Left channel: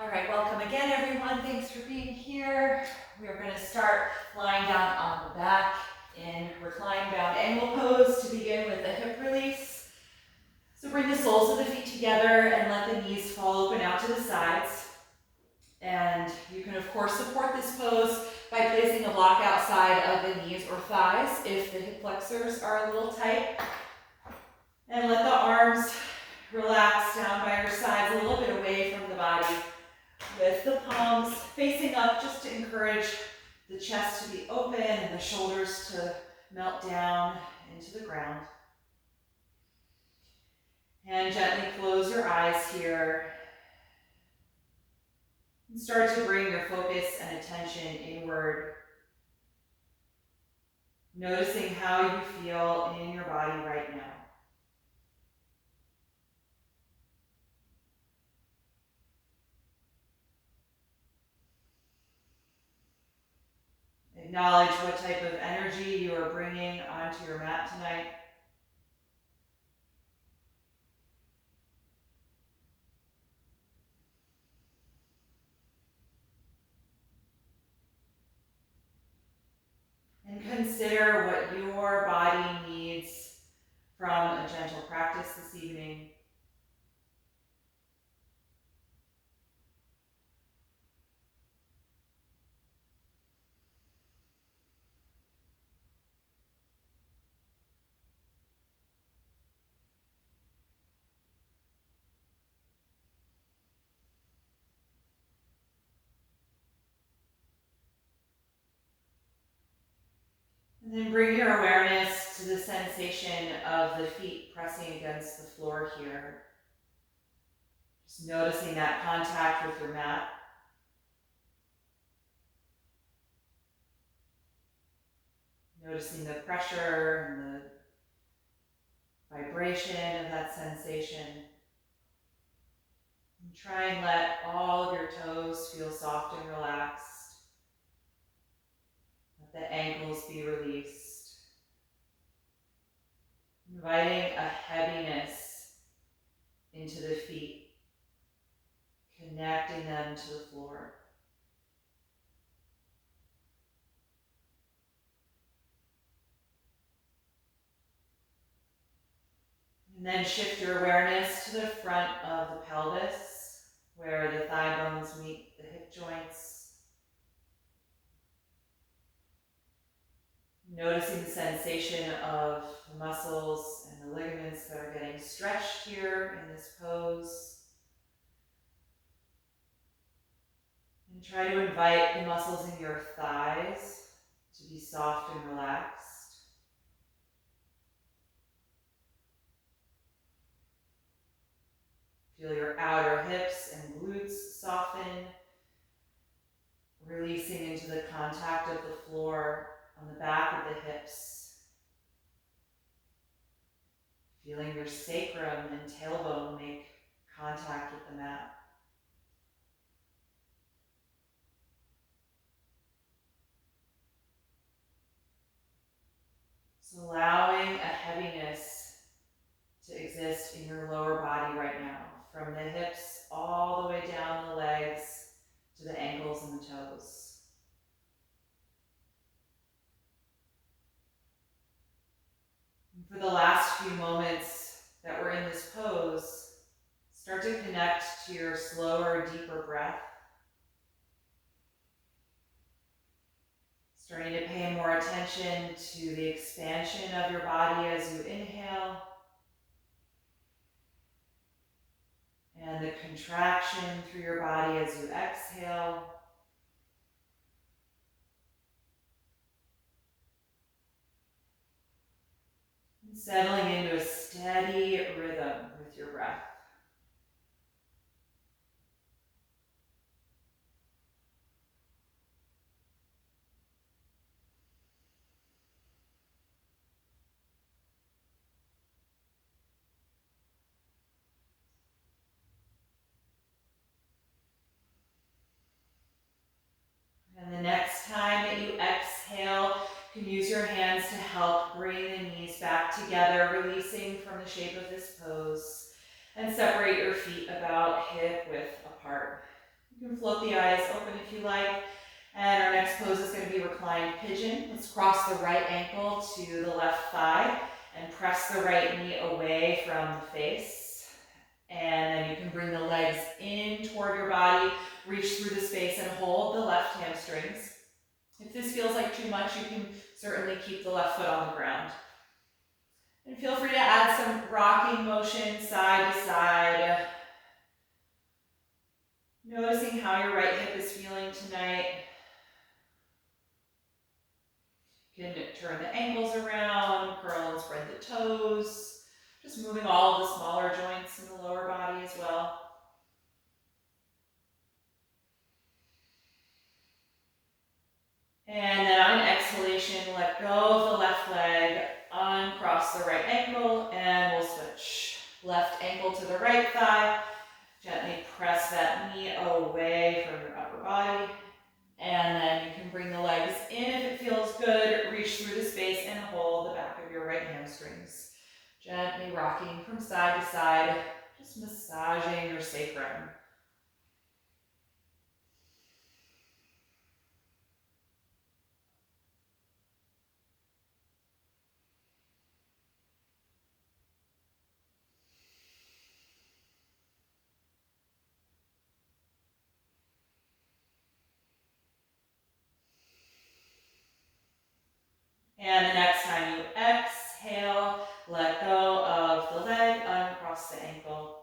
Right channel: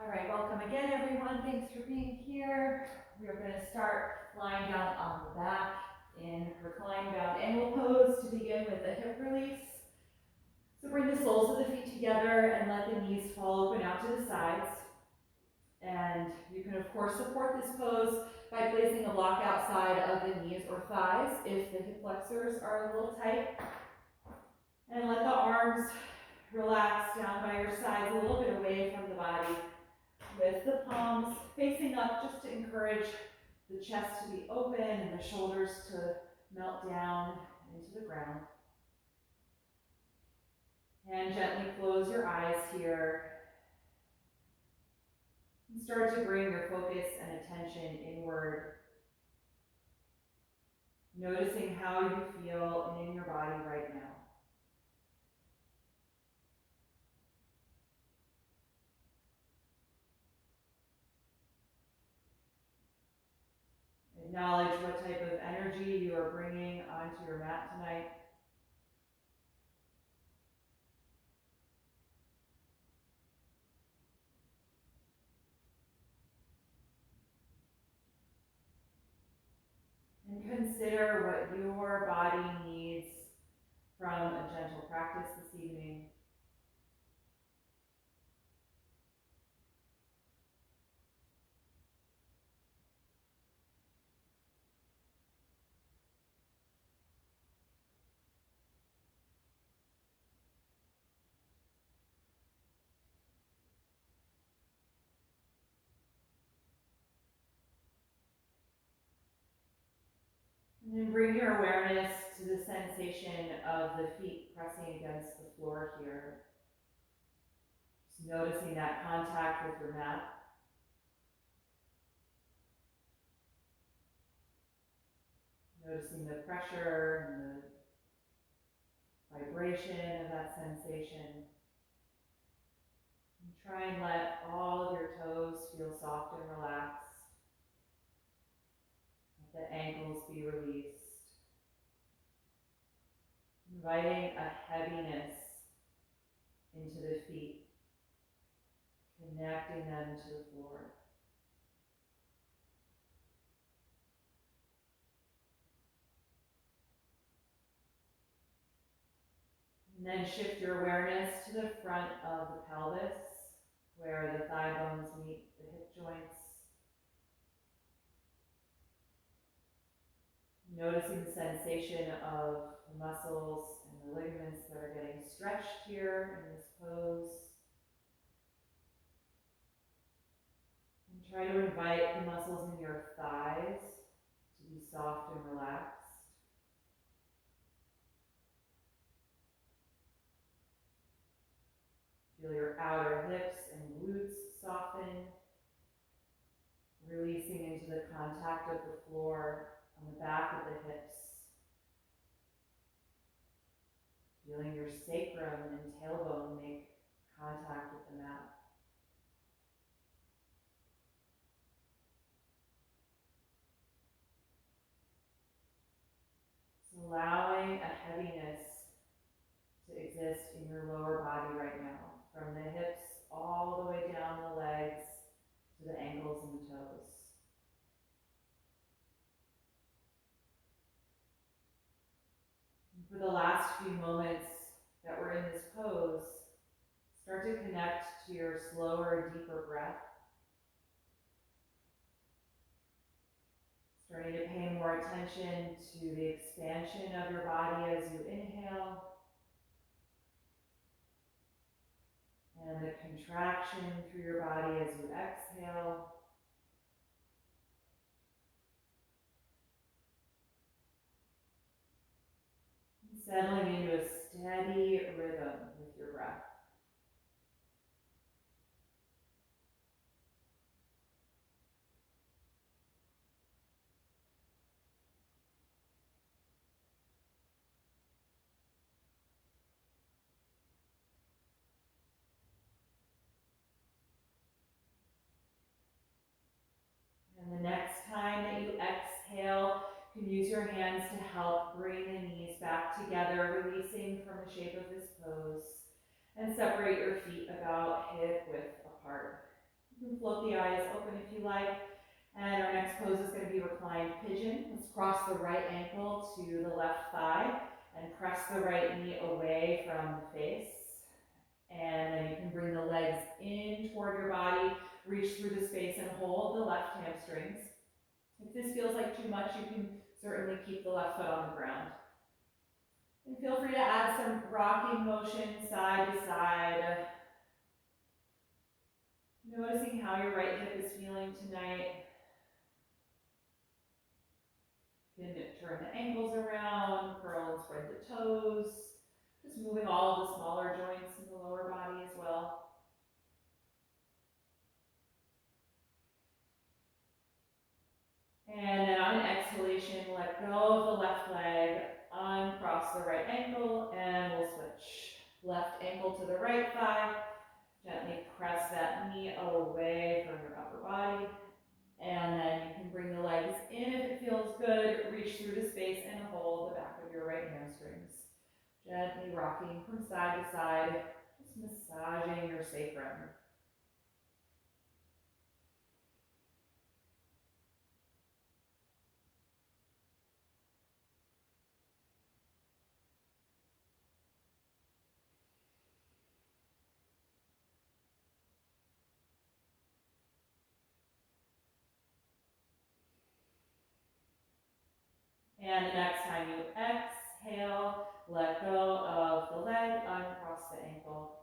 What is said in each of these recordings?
All right, welcome again, everyone. Thanks for being here. We are going to start lying down on the back in reclined bound angle pose to begin with a hip release. So bring the soles of the feet together and let the knees fall open out to the sides. And you can, of course, support this pose by placing a block outside of the knees or thighs if the hip flexors are a little tight. And let the arms relax down by your sides, a little bit away from the body, with the palms facing up just to encourage the chest to be open and the shoulders to melt down into the ground. And gently close your eyes here and start to bring your focus and attention inward, noticing how you feel in your body right now. Acknowledge what type of energy you are bringing onto your mat tonight. And consider what your body needs from a gentle practice this evening. And then bring your awareness to the sensation of the feet pressing against the floor here. Just noticing that contact with your mat. Noticing the pressure and the vibration of that sensation. And try and let all of your toes feel soft and relaxed. Let the ankles be released. Inviting a heaviness into the feet, connecting them to the floor. And then shift your awareness to the front of the pelvis, where the thigh bones meet the hip joints. Noticing the sensation of the muscles and the ligaments that are getting stretched here in this pose. And try to invite the muscles in your thighs to be soft and relaxed. Feel your outer hips and glutes soften, releasing into the contact of the floor on the back of the hips. Feeling your sacrum and tailbone make contact with the mat. So allowing a heaviness to exist in your lower body right now, from the hips all the way down the legs to the ankles and the toes. And for the last few moments that we're in this pose, start to connect to your slower, deeper breath. Starting to pay more attention to the expansion of your body as you inhale, and the contraction through your body as you exhale. And settling into a steady rhythm with your breath. And the next time that you exhale, you can use your hands to help bring the knees back together, releasing from the shape of this pose, and separate your feet about hip width apart. You can float the eyes open if you like. And our next pose is going to be Reclined Pigeon. Let's cross the right ankle to the left thigh and press the right knee away from the face. And then you can bring the legs in toward your body, reach through the space and hold the left hamstrings. If this feels like too much, you can certainly keep the left foot on the ground. And feel free to add some rocking motion side to side. Noticing how your right hip is feeling tonight. You can turn the ankles around, curl and spread the toes. Just moving all of the smaller joints in the lower body as well. And then on exhalation, let go of the left leg, uncross the right ankle, and we'll switch. Left ankle to the right thigh. Gently press that knee away from your upper body. And then you can bring the legs in if it feels good. Reach through the space and hold the back of your right hamstrings. Gently rocking from side to side, just massaging your sacrum. And the next time you exhale, let go of the leg, uncross the ankle.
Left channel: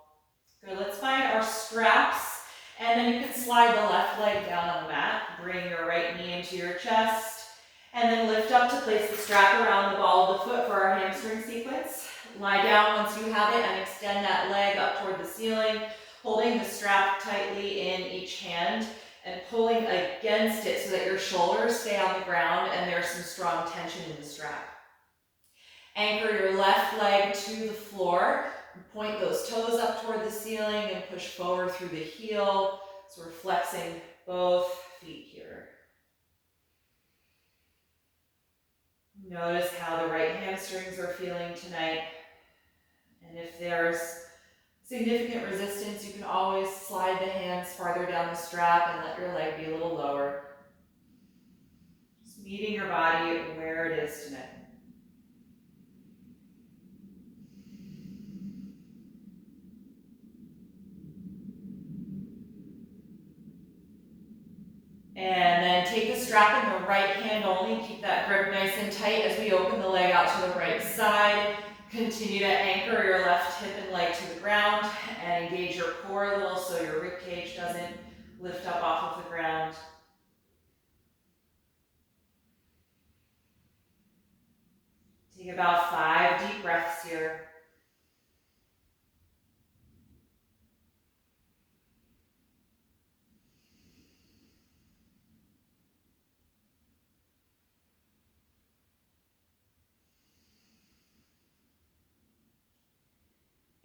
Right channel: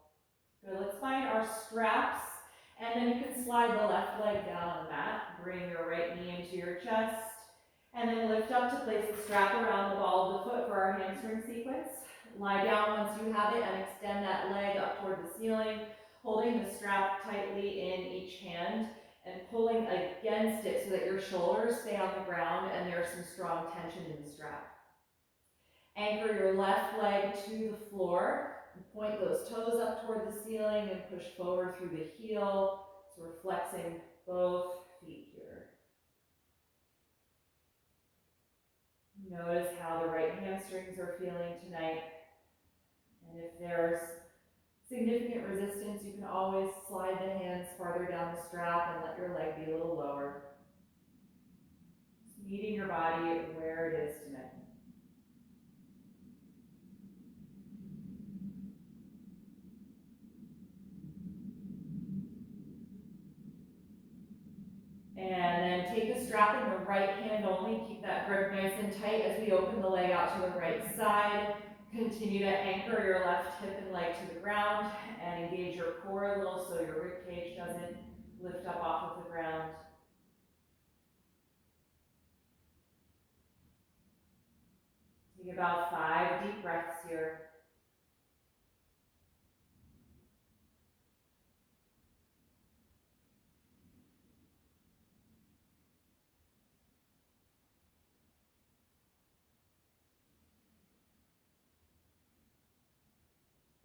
Good, let's find our straps, and then you can slide the left leg down on the mat. Bring your right knee into your chest, and then lift up to place the strap around the ball of the foot for our hamstring sequence. Lie down once you have it and extend that leg up toward the ceiling, holding the strap tightly in each hand and pulling against it so that your shoulders stay on the ground and there's some strong tension in the strap. Anchor your left leg to the floor. Point those toes up toward the ceiling and push forward through the heel. So we're flexing both feet here. Notice how the right hamstrings are feeling tonight. And if there's significant resistance, you can always slide the hands farther down the strap and let your leg be a little lower. Just meeting your body where it is tonight. And then take the strap in the right hand only. Keep that grip nice and tight as we open the leg out to the right side. Continue to anchor your left hip and leg to the ground and engage your core a little so your rib cage doesn't lift up off of the ground. Take about 5 deep breaths here.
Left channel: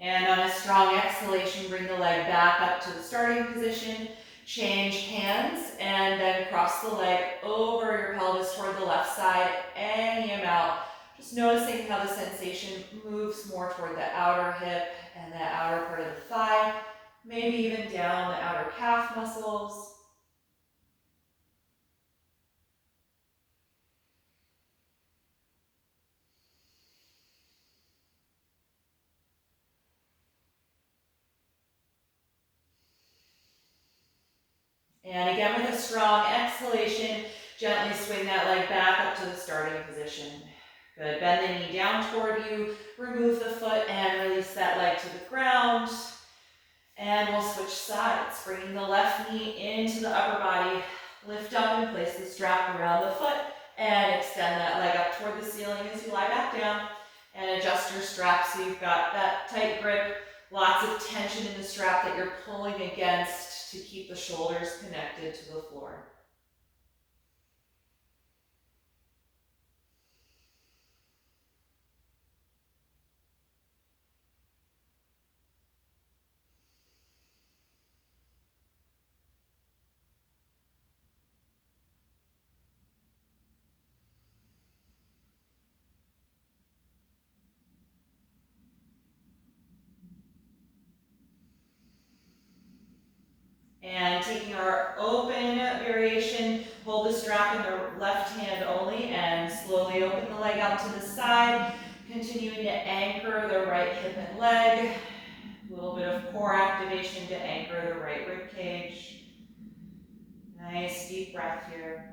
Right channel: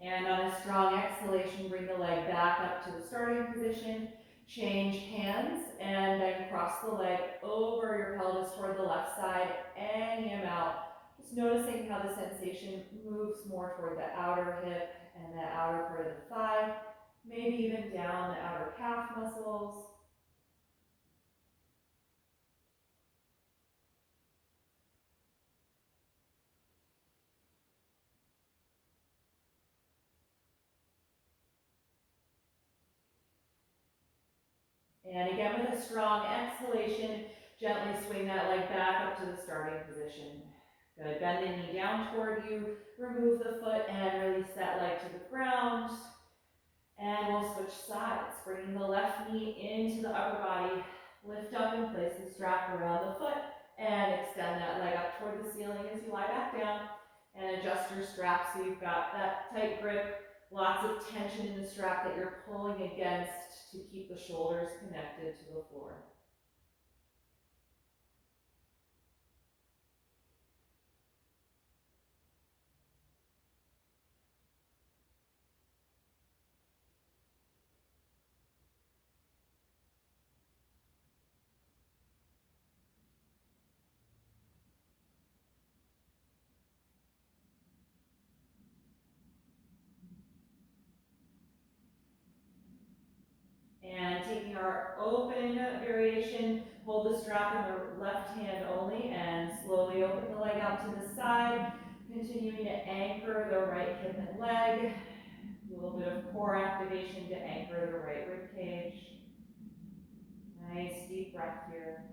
And on a strong exhalation, bring the leg back up to the starting position. Change hands and then cross the leg over your pelvis toward the left side any amount. Just noticing how the sensation moves more toward the outer hip and the outer part of the thigh, maybe even down the outer calf muscles. And again, with a strong exhalation, gently swing that leg back up to the starting position. Good, bend the knee down toward you, remove the foot and release that leg to the ground. And we'll switch sides, bringing the left knee into the upper body, lift up and place the strap around the foot and extend that leg up toward the ceiling as you lie back down and adjust your strap so you've got that tight grip, lots of tension in the strap that you're pulling against to keep the shoulders connected to the floor. And taking our open variation, hold the strap in the left hand only and slowly open the leg out to the side, continuing to anchor the right hip and leg. A little bit of core activation to anchor the right rib cage. Nice deep breath here.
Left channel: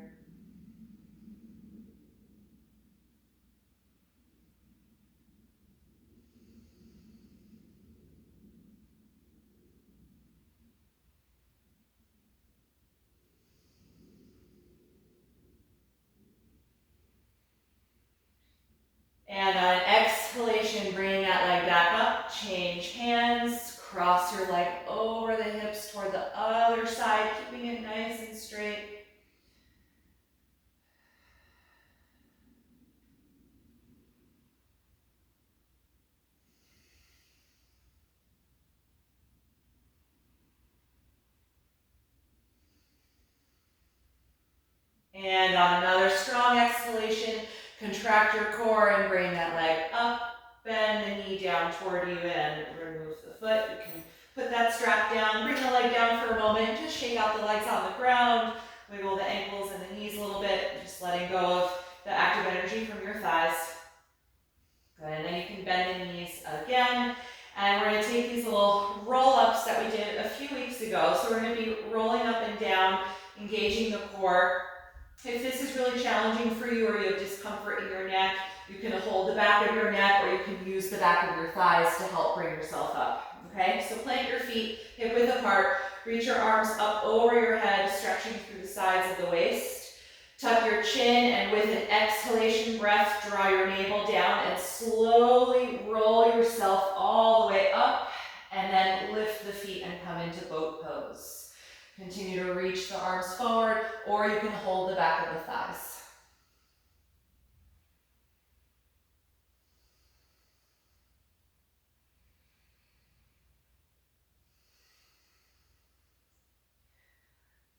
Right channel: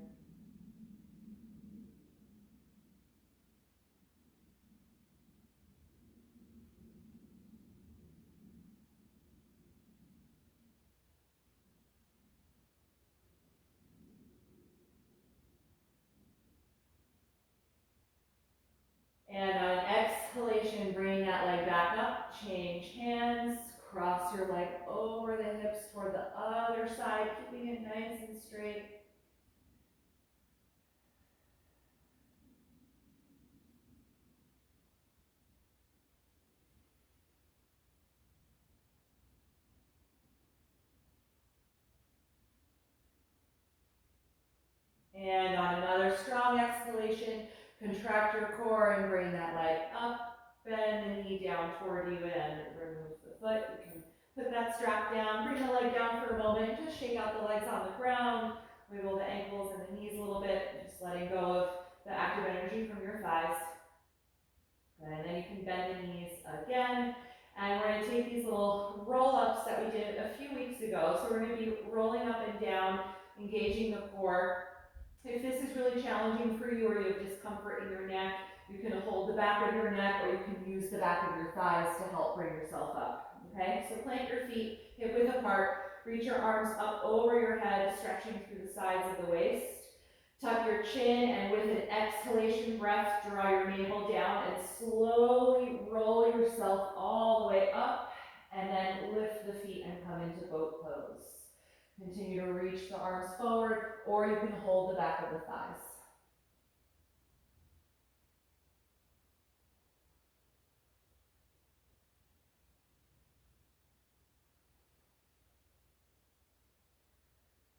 And on an exhalation, bringing that leg back up, change hands, cross your leg over the hips toward the other side, keeping it nice and straight. And on another strong exhalation, contract your core and bring that leg up, bend the knee down toward you and remove the foot. You can put that strap down, bring the leg down for a moment, just shake out the legs on the ground, wiggle the ankles and the knees a little bit, just letting go of the active energy from your thighs. Good, and then you can bend the knees again. And we're going to take these little roll-ups that we did a few weeks ago. So we're going to be rolling up and down, engaging the core. If this is really challenging for you or you have discomfort in your neck, you can hold the back of your neck or you can use the back of your thighs to help bring yourself up. Okay, so plant your feet hip width apart, reach your arms up over your head, stretching through the sides of the waist. Tuck your chin and with an exhalation breath, draw your navel down and slowly roll yourself all the way up and then lift the feet and come into boat pose. Continue to reach the arms forward or you can hold the back of the thighs.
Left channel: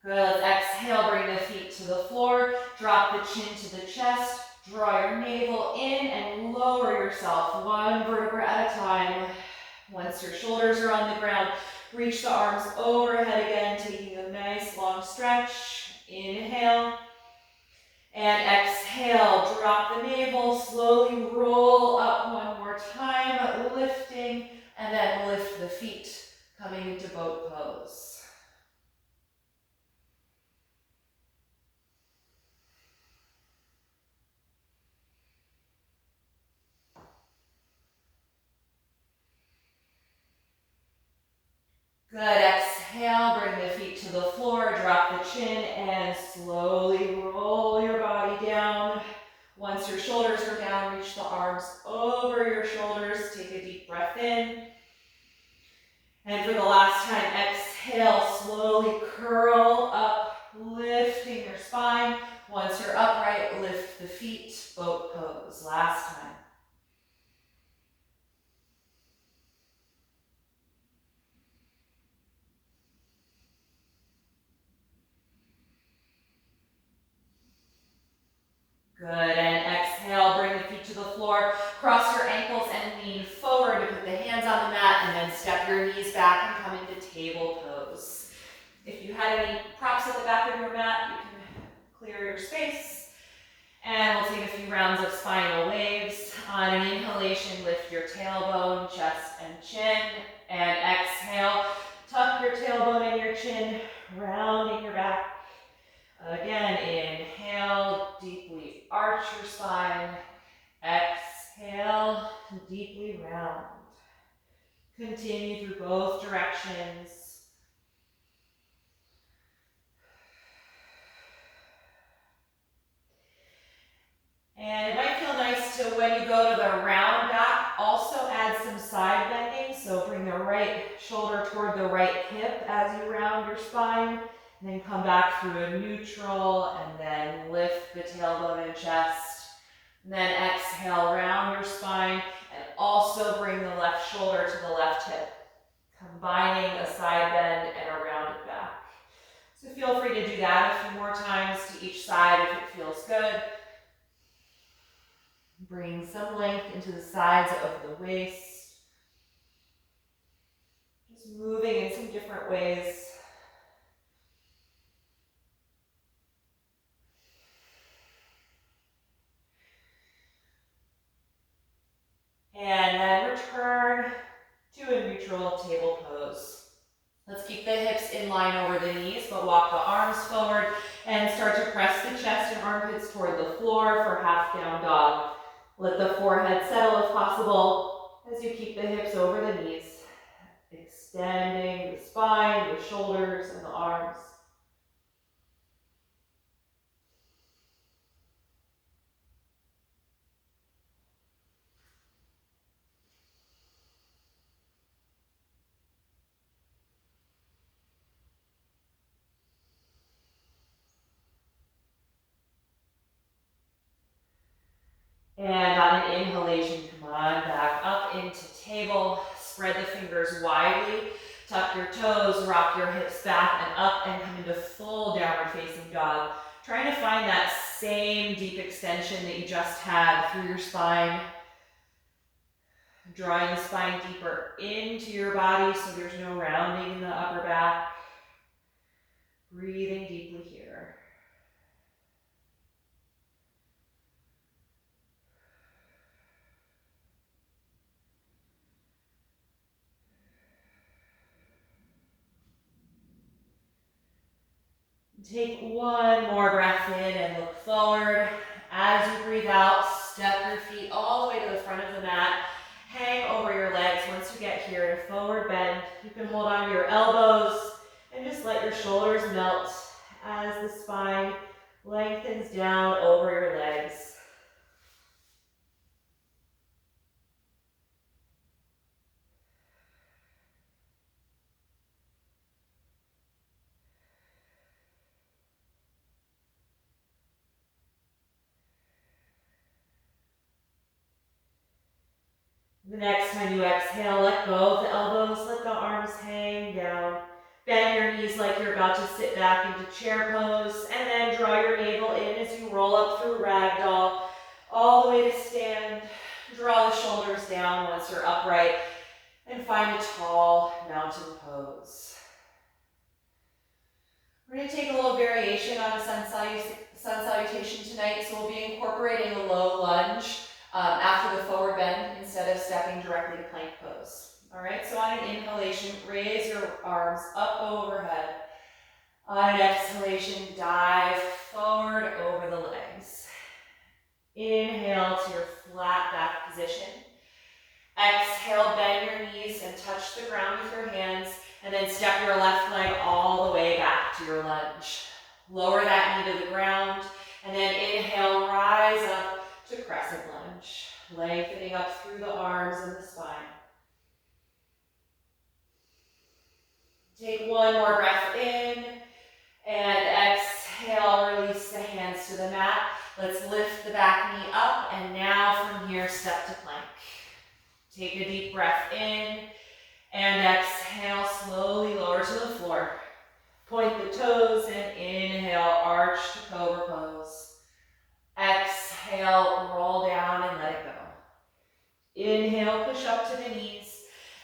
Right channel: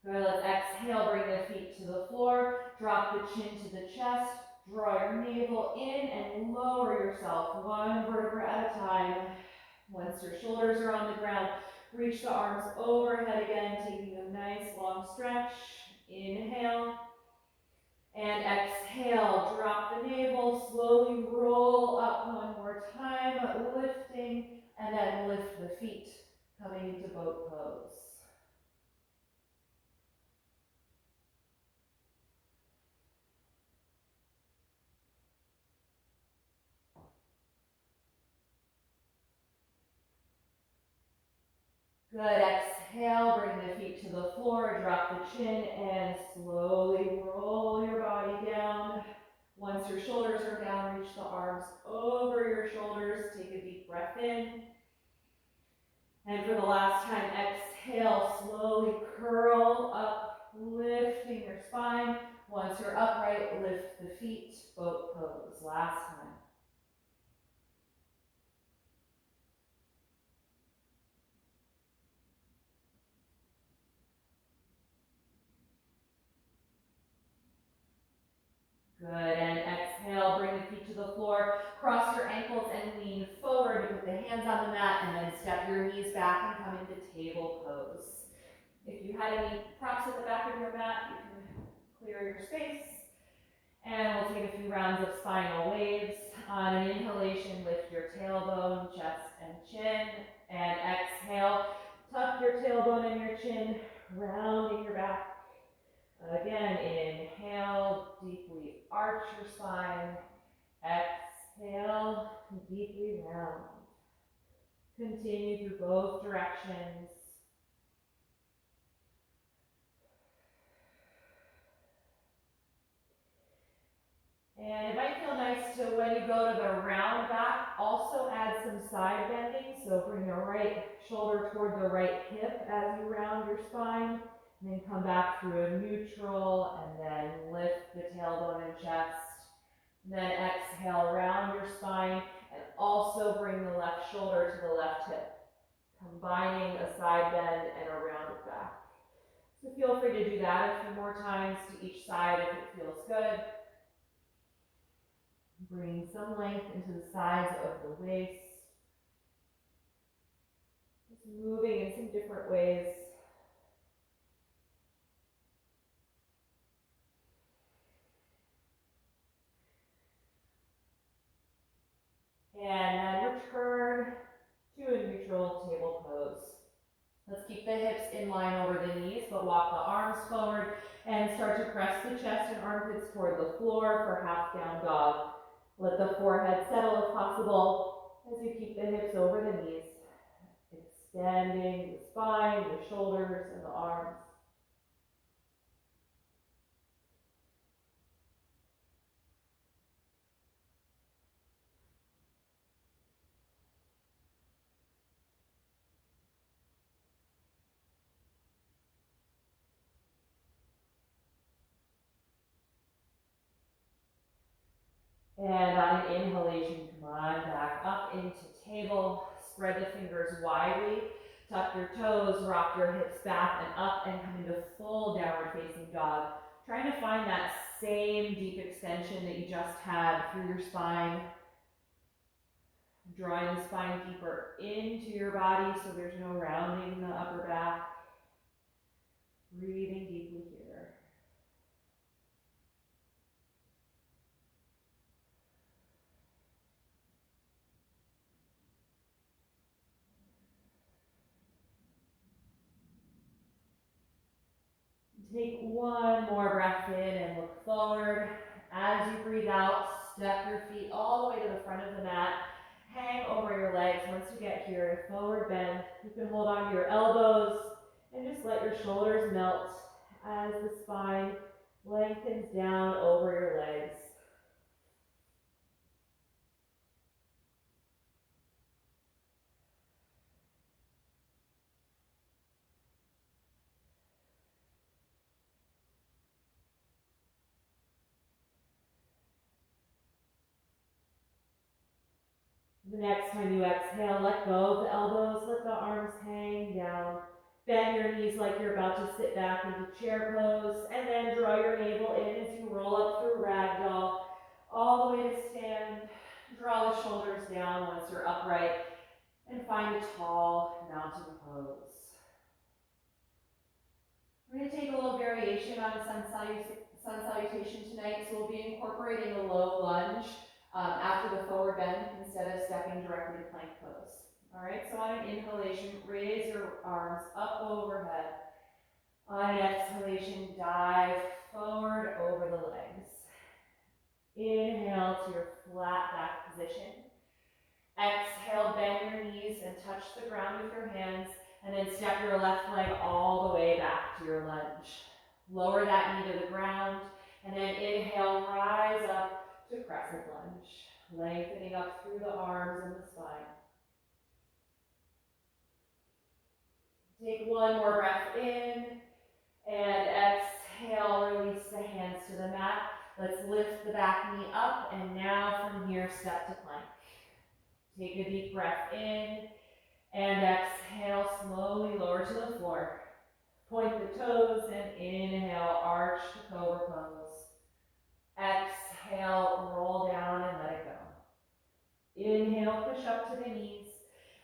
Good, let's exhale, bring the feet to the floor, drop the chin to the chest, draw your navel in and lower yourself one vertebra at a time. Once your shoulders are on the ground, reach the arms overhead again, taking a nice long stretch. Inhale and exhale, drop the navel, slowly roll up one more time, lifting, and then lift the feet, coming into boat pose. Good, exhale, bring the feet to the floor, drop the chin, and slowly roll your body down. Once your shoulders are down, reach the arms over your shoulders, take a deep breath in. And for the last time, exhale, slowly curl up, lifting your spine. Once you're upright, lift the feet, boat pose. Last time. Good, and exhale, bring the feet to the floor, cross your ankles and lean forward to put the hands on the mat and then step your knees back and come into table pose. If you had any props at the back of your mat, you can clear your space. And we'll take a few rounds of spinal waves. On an inhalation, lift your tailbone, chest, and chin. And exhale, tuck your tailbone and your chin, rounding your back. Again, inhale, deeply arch your spine. Exhale, deeply round. Continue through both directions. And it might feel nice to, when you go to the round back, also add some side bending. So bring the right shoulder toward the right hip as you round your spine. And then come back through a neutral and then lift the tailbone and chest. And then exhale, round your spine and also bring the left shoulder to the left hip, combining a side bend and a rounded back. So feel free to do that a few more times to each side if it feels good. Bring some length into the sides of the waist. Just moving in some different ways. And then return to a neutral table pose. Let's keep the hips in line over the knees, but walk the arms forward and start to press the chest and armpits toward the floor for half down dog. Let the forehead settle if possible as you keep the hips over the knees, extending the spine, the shoulders, and the arms. And on an inhalation, come on back up into table. Spread the fingers widely. Tuck your toes, rock your hips back and up, and come into full downward facing dog. Trying to find that same deep extension that you just had through your spine. Drawing the spine deeper into your body so there's no rounding in the upper back. Breathing deeply here. Take one more breath in and look forward. As you breathe out, step your feet all the way to the front of the mat. Hang over your legs. Once you get here, forward bend. You can hold on to your elbows and just let your shoulders melt as the spine lengthens down over your legs. The next time you exhale, let go of the elbows, let the arms hang down. Bend your knees like you're about to sit back into chair pose, and then draw your navel in as you roll up through ragdoll, all the way to stand. Draw the shoulders down once you're upright, and find a tall mountain pose. We're going to take a little variation on a sun salutation tonight, so we'll be incorporating a low lunge after the forward bend instead of stepping directly to plank pose. All right, so on an inhalation, raise your arms up overhead. On an exhalation, dive forward over the legs. Inhale to your flat back position. Exhale, bend your knees and touch the ground with your hands, and then step your left leg all the way back to your lunge. Lower that knee to the ground, and then inhale, rise up to crescent lunge, lengthening up through the arms and the spine. Take one more breath in, and exhale, release the hands to the mat. Let's lift the back knee up, and now from here, step to plank. Take a deep breath in, and exhale, slowly lower to the floor. Point the toes, and inhale, arch to Cobra Pose. Exhale, roll down and let it go. Inhale, push up to the knees.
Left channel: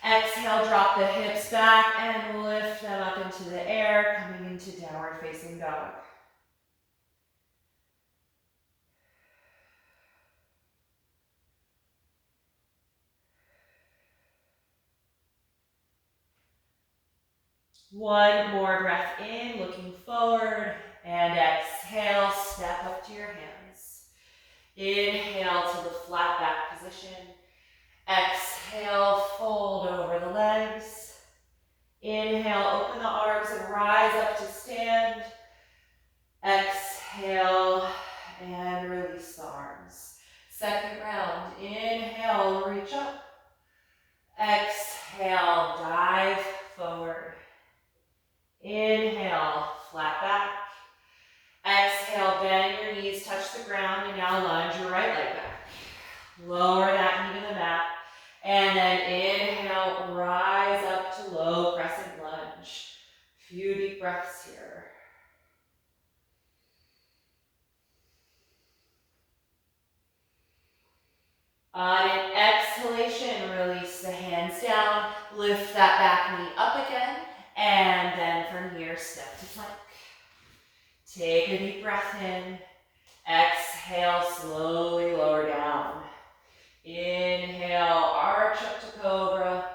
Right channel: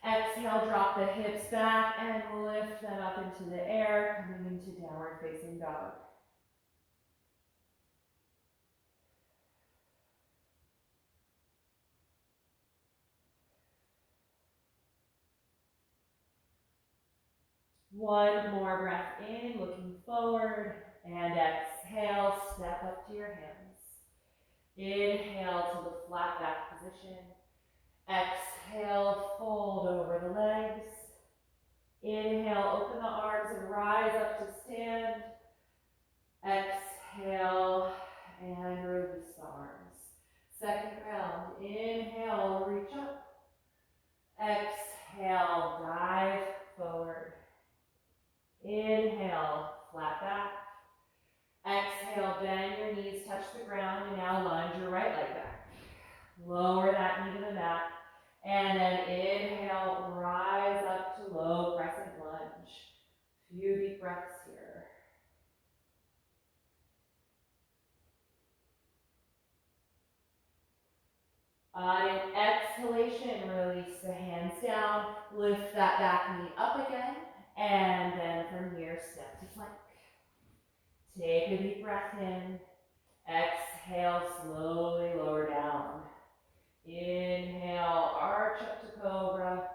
Exhale, drop the hips back and lift them up into the air, coming into downward facing dog. One more breath in, looking forward, and exhale, step up to your hands. Inhale to the flat back position. Exhale, fold over the legs. Inhale, open the arms and rise up to stand. Exhale, and release the arms. Second round, inhale, reach up. Exhale, dive forward. Inhale, flat back. Exhale, bend your knees, touch the ground, and now lunge your right leg back. Lower that knee to the mat. And then inhale, rise up to low crescent lunge. Few deep breaths here. On an exhalation, release the hands down, lift that back knee up again, and then from here, step to plank. Take a deep breath in, exhale, slowly lower down. Inhale, arch up to Cobra.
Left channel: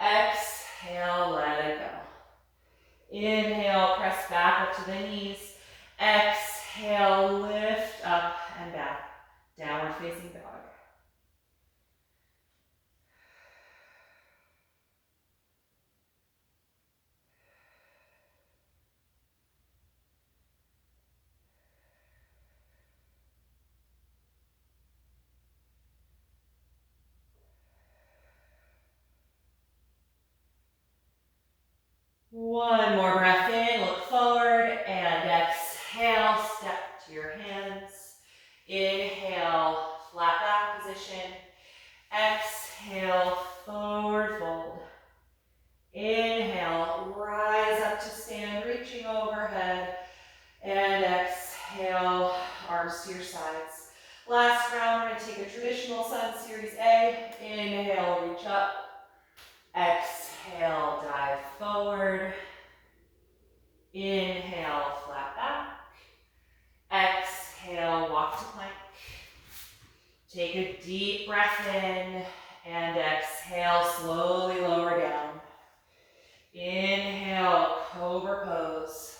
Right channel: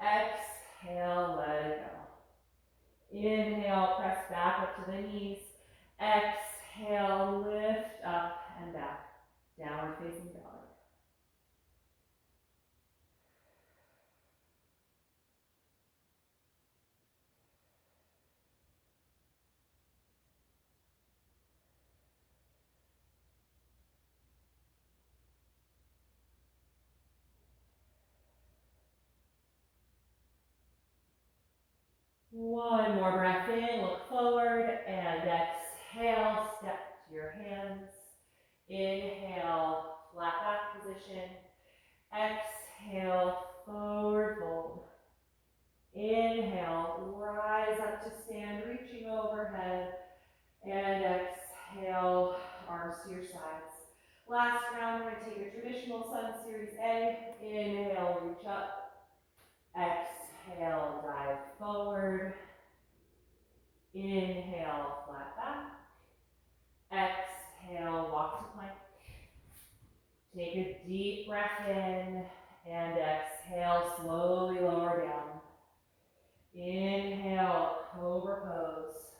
Exhale, let it go. Inhale, press back up to the knees. Exhale, lift up and back. Downward facing dog. One more breath in, look forward, and exhale, step to your hands. Inhale, flat back position. Exhale, forward fold. Inhale, rise up to stand, reaching overhead. And exhale, arms to your sides. Last round, we're going to take a traditional Sun Series A. Inhale, reach up. Exhale, dive forward. Inhale, flat back. Exhale, walk to plank. Take a deep breath in and exhale, slowly lower down. Inhale, Cobra Pose.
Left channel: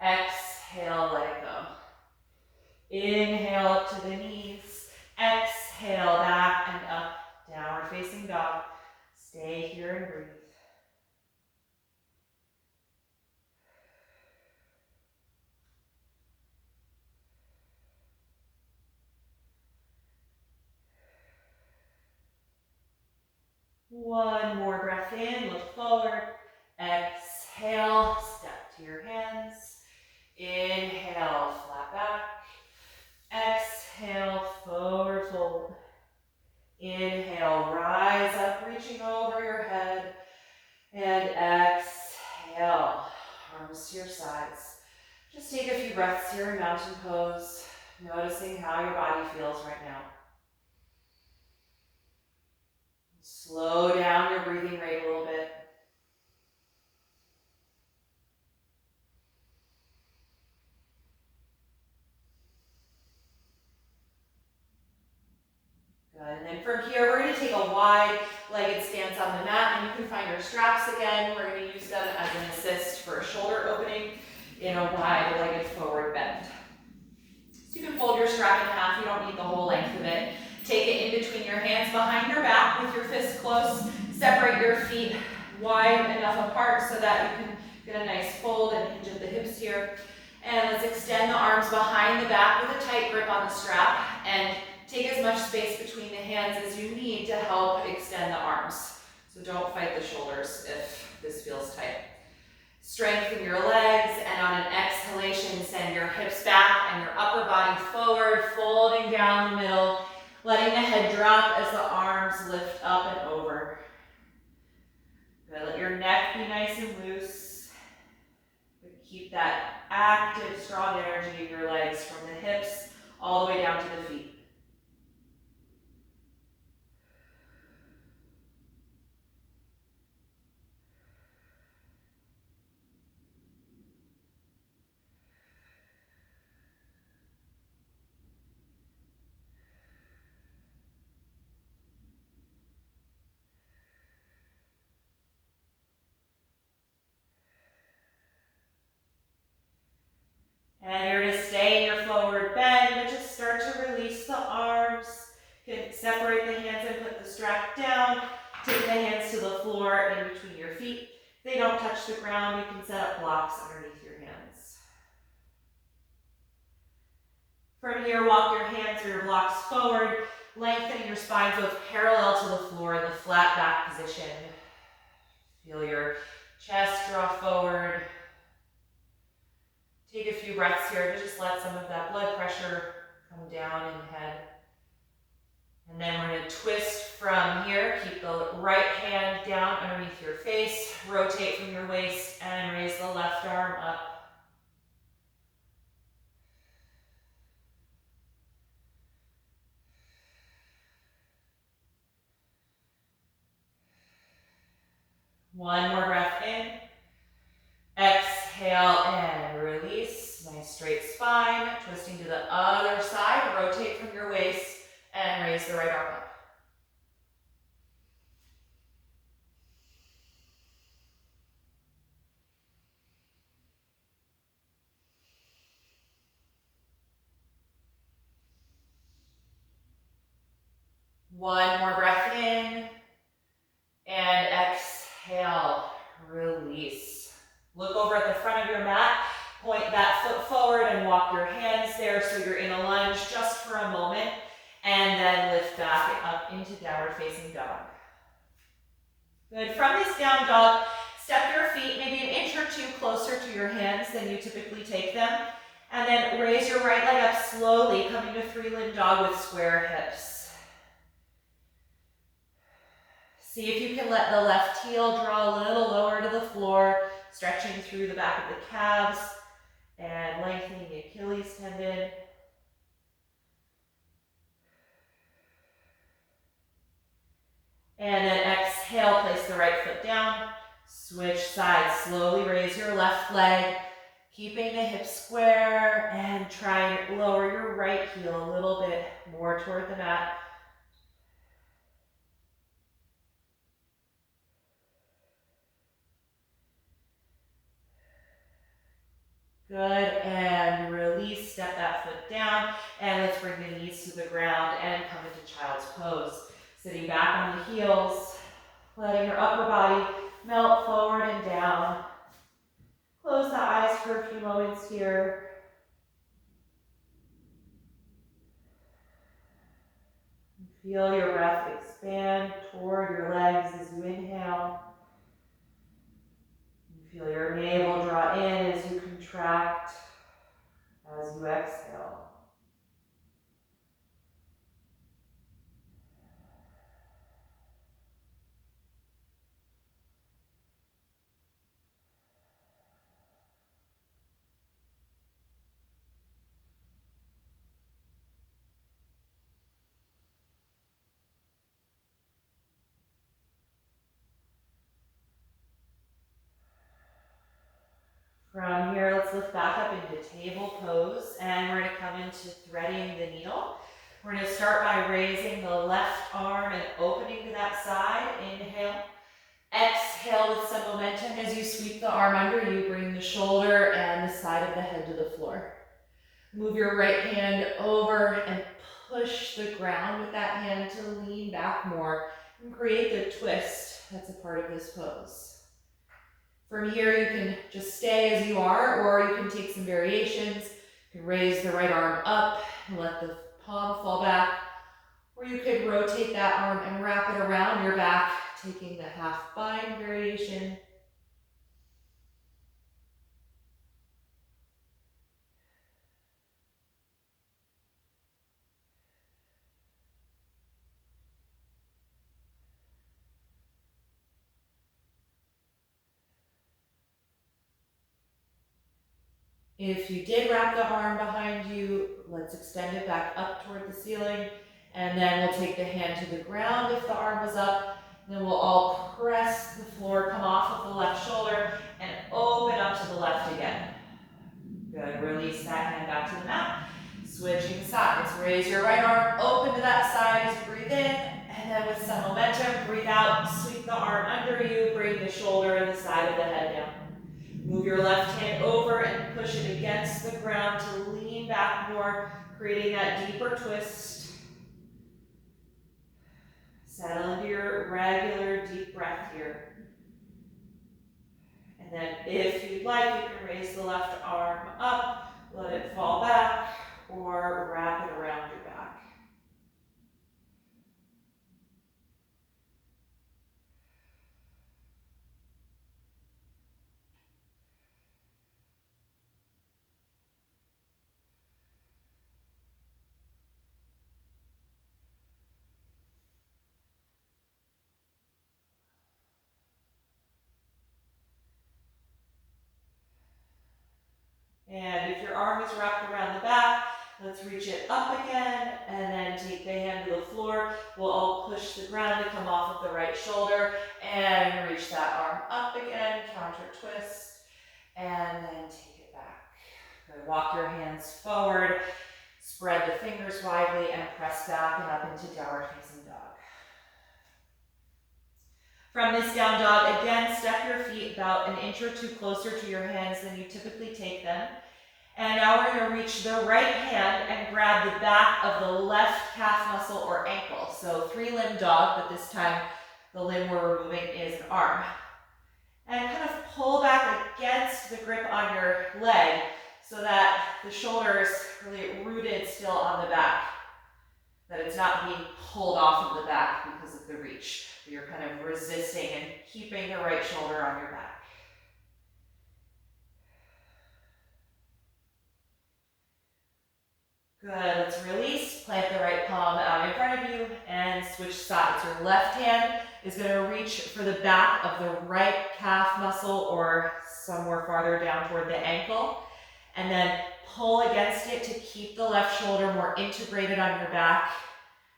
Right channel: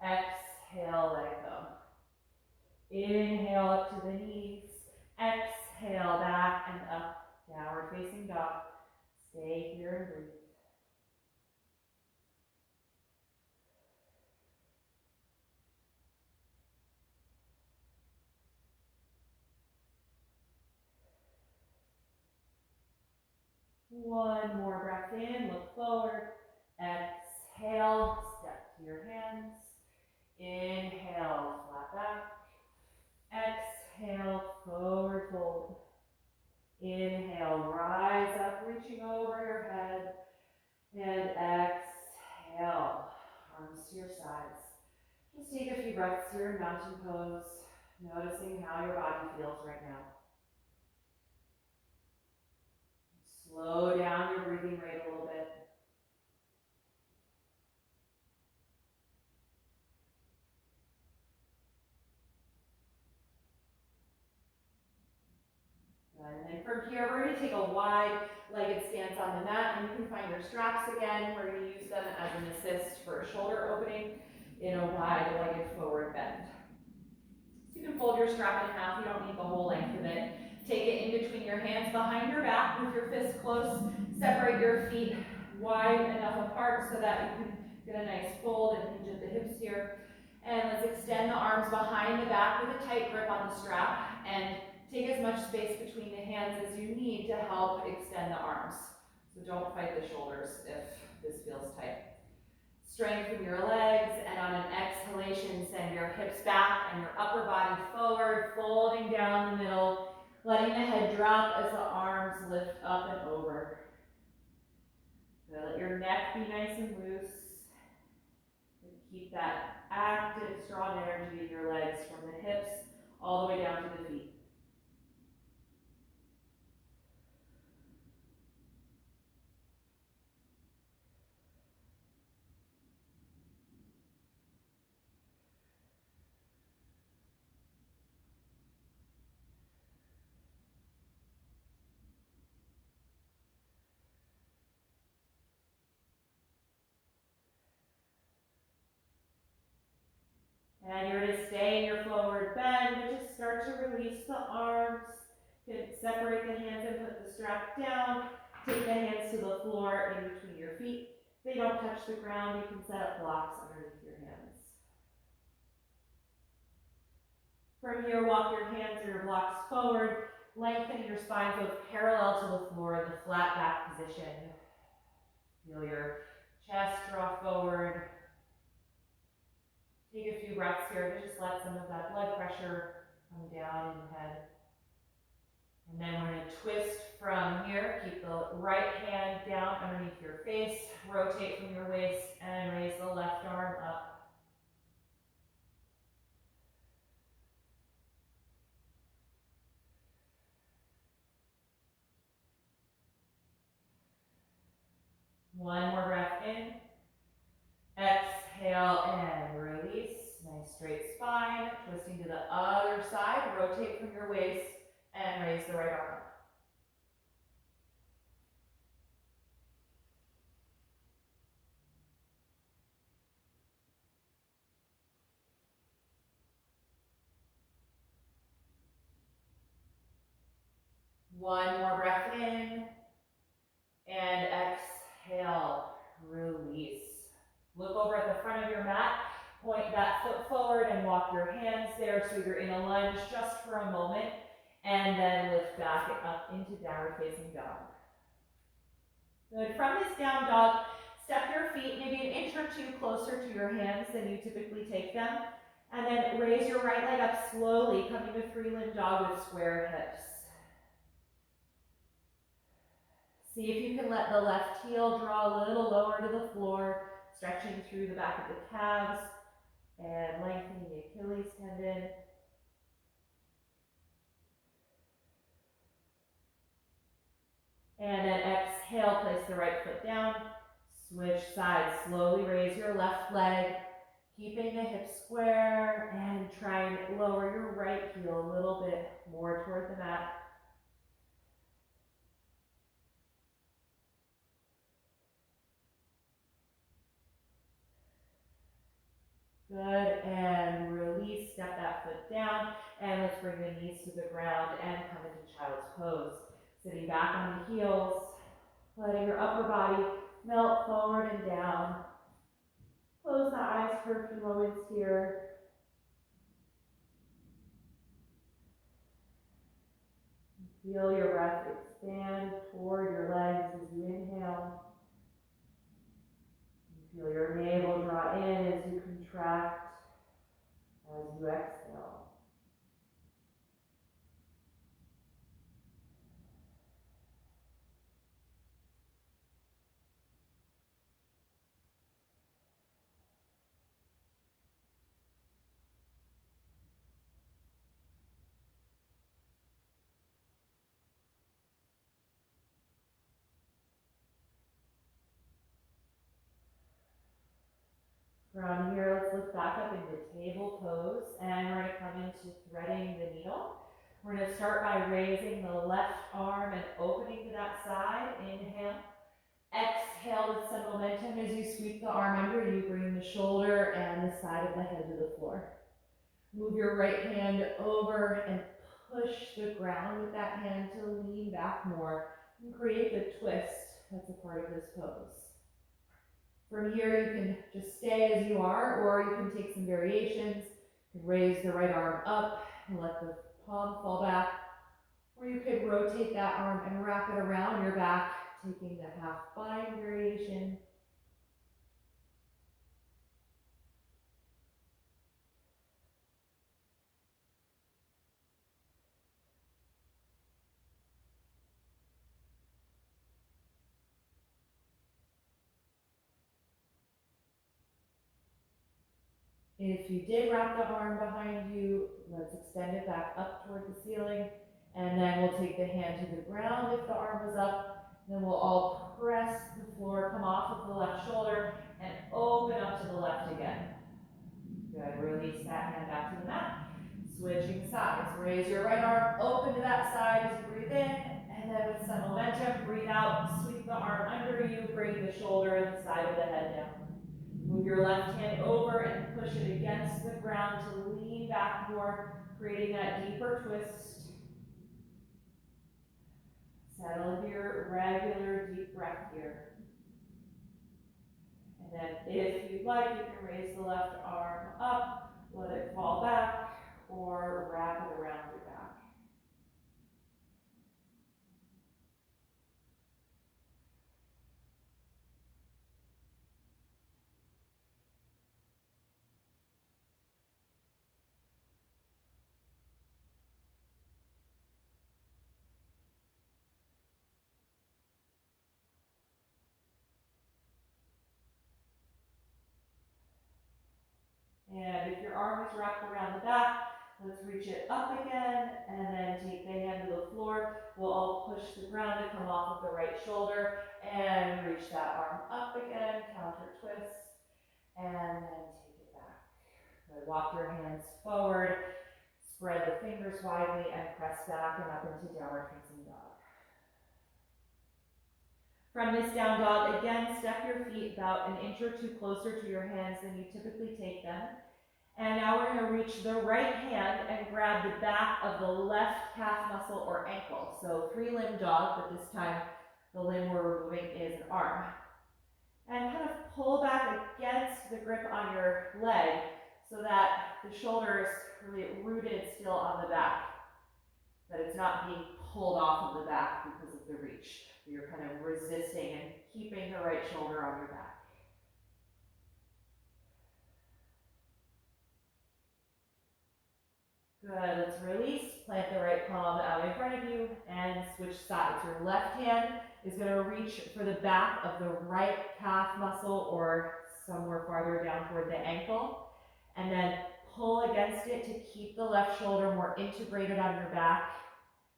Exhale, let it go. Inhale up to the knees. Exhale, back and up. Downward facing dog. Stay here and breathe. One more breath in, look forward. Exhale, step to your hands. Inhale, flat back. Exhale, forward fold. Inhale, rise up, reaching over your head. And exhale, arms to your sides. Just take a few breaths here in mountain pose, noticing how your body feels right now. Slow down your breathing rate a little bit. Good, and then from here, we're going to take a wide-legged stance on the mat, and you can find your straps again. We're going to use them as an assist for a shoulder opening in a wide-legged forward bend. So you can fold your strap in half. You don't need the whole length of it. Take it in between your hands behind your back with your fists close. Separate your feet wide enough apart so that you can get a nice fold and hinge at the hips here. And let's extend the arms behind the back with a tight grip on the strap and take as much space between the hands as you need to help extend the arms. So don't fight the shoulders if this feels tight. Strengthen your legs, and on an exhalation, send your hips back and your upper body forward, folding down the middle, letting the head drop as the arms lift up and over. Good. Let your neck be nice and loose. Keep that active, strong energy in your legs from the hips all the way down to the feet. And you're going to stay in your forward bend, but just start to release the arms. You can separate the hands and put the strap down. Take the hands to the floor in between your feet. If they don't touch the ground, you can set up blocks underneath your hands. From here, walk your hands or your blocks forward, lengthening your spine so it's parallel to the floor in the flat back position. Feel your chest draw forward. Take a few breaths here to just let some of that blood pressure come down in the head. And then we're going to twist from here. Keep the right hand down underneath your face. Rotate from your waist and raise the left arm up. One more breath in. Exhale and release. Nice straight spine. Twisting to the other side. Rotate from your waist and raise the right arm up. One more breath in, and exhale, release. Look over at the front of your mat, point that foot forward and walk your hands there so you're in a lunge just for a moment, and then lift back up into downward facing dog. Good. From this down dog, step your feet maybe an inch or two closer to your hands than you typically take them, and then raise your right leg up slowly, coming to three-limb dog with square hips. See if you can let the left heel draw a little lower to the floor, stretching through the back of the calves and lengthening the Achilles tendon. And then exhale, place the right foot down, switch sides, slowly raise your left leg, keeping the hips square, and try and lower your right heel a little bit more toward the mat. Good, and release, step that foot down, and let's bring the knees to the ground and come into child's pose. Sitting back on the heels, letting your upper body melt forward and down. Close the eyes for a few moments here. Feel your breath expand toward your legs as you inhale. Feel your navel draw in as you contract, as you exhale. From here, let's lift back up into table pose, and we're going to come into threading the needle. We're going to start by raising the left arm and opening to that side. Inhale. Exhale with some momentum as you sweep the arm under you, bring the shoulder and the side of the head to the floor. Move your right hand over and push the ground with that hand to lean back more and create the twist that's a part of this pose. From here, you can just stay as you are, or you can take some variations. You can raise the right arm up and let the palm fall back, or you could rotate that arm and wrap it around your back, taking the half bind variation. If you did wrap the arm behind you, let's extend it back up toward the ceiling, and then we'll take the hand to the ground if the arm was up. Then we'll all press the floor, come off of the left shoulder, and open up to the left again. Good, release that hand back to the mat. Switching sides, raise your right arm, open to that side as you breathe in, and then with some momentum, breathe out, sweep the arm under you, bring the shoulder and the side of the head down. Move your left hand over and push it against the ground to lean back more, creating that deeper twist. Settle into your regular deep breath here. And then if you'd like, you can raise the left arm up, let it fall back, or wrap it around your back. And if your arm is wrapped around the back, let's reach it up again, and then take the hand to the floor. We'll all push the ground to come off of the right shoulder, and reach that arm up again, counter twist, and then take it back. Good. Walk your hands forward, Spread the fingers widely and press back and up into downward facing dog. From this down dog, again, step your feet about an inch or two closer to your hands than you typically take them. And now we're going to reach the right hand and grab the back of the left calf muscle or ankle. So three-limb dog, but this time the limb we're removing is an arm. And kind of pull back against the grip on your leg so that the shoulder is really rooted still on the back, that it's not being pulled off of the back because of the reach. You're kind of resisting and keeping the right shoulder on your back. Good, let's release, plant the right palm out in front of you and switch sides. Your left hand is going to reach for the back of the right calf muscle or somewhere farther down toward the ankle, and then pull against it to keep the left shoulder more integrated on your back,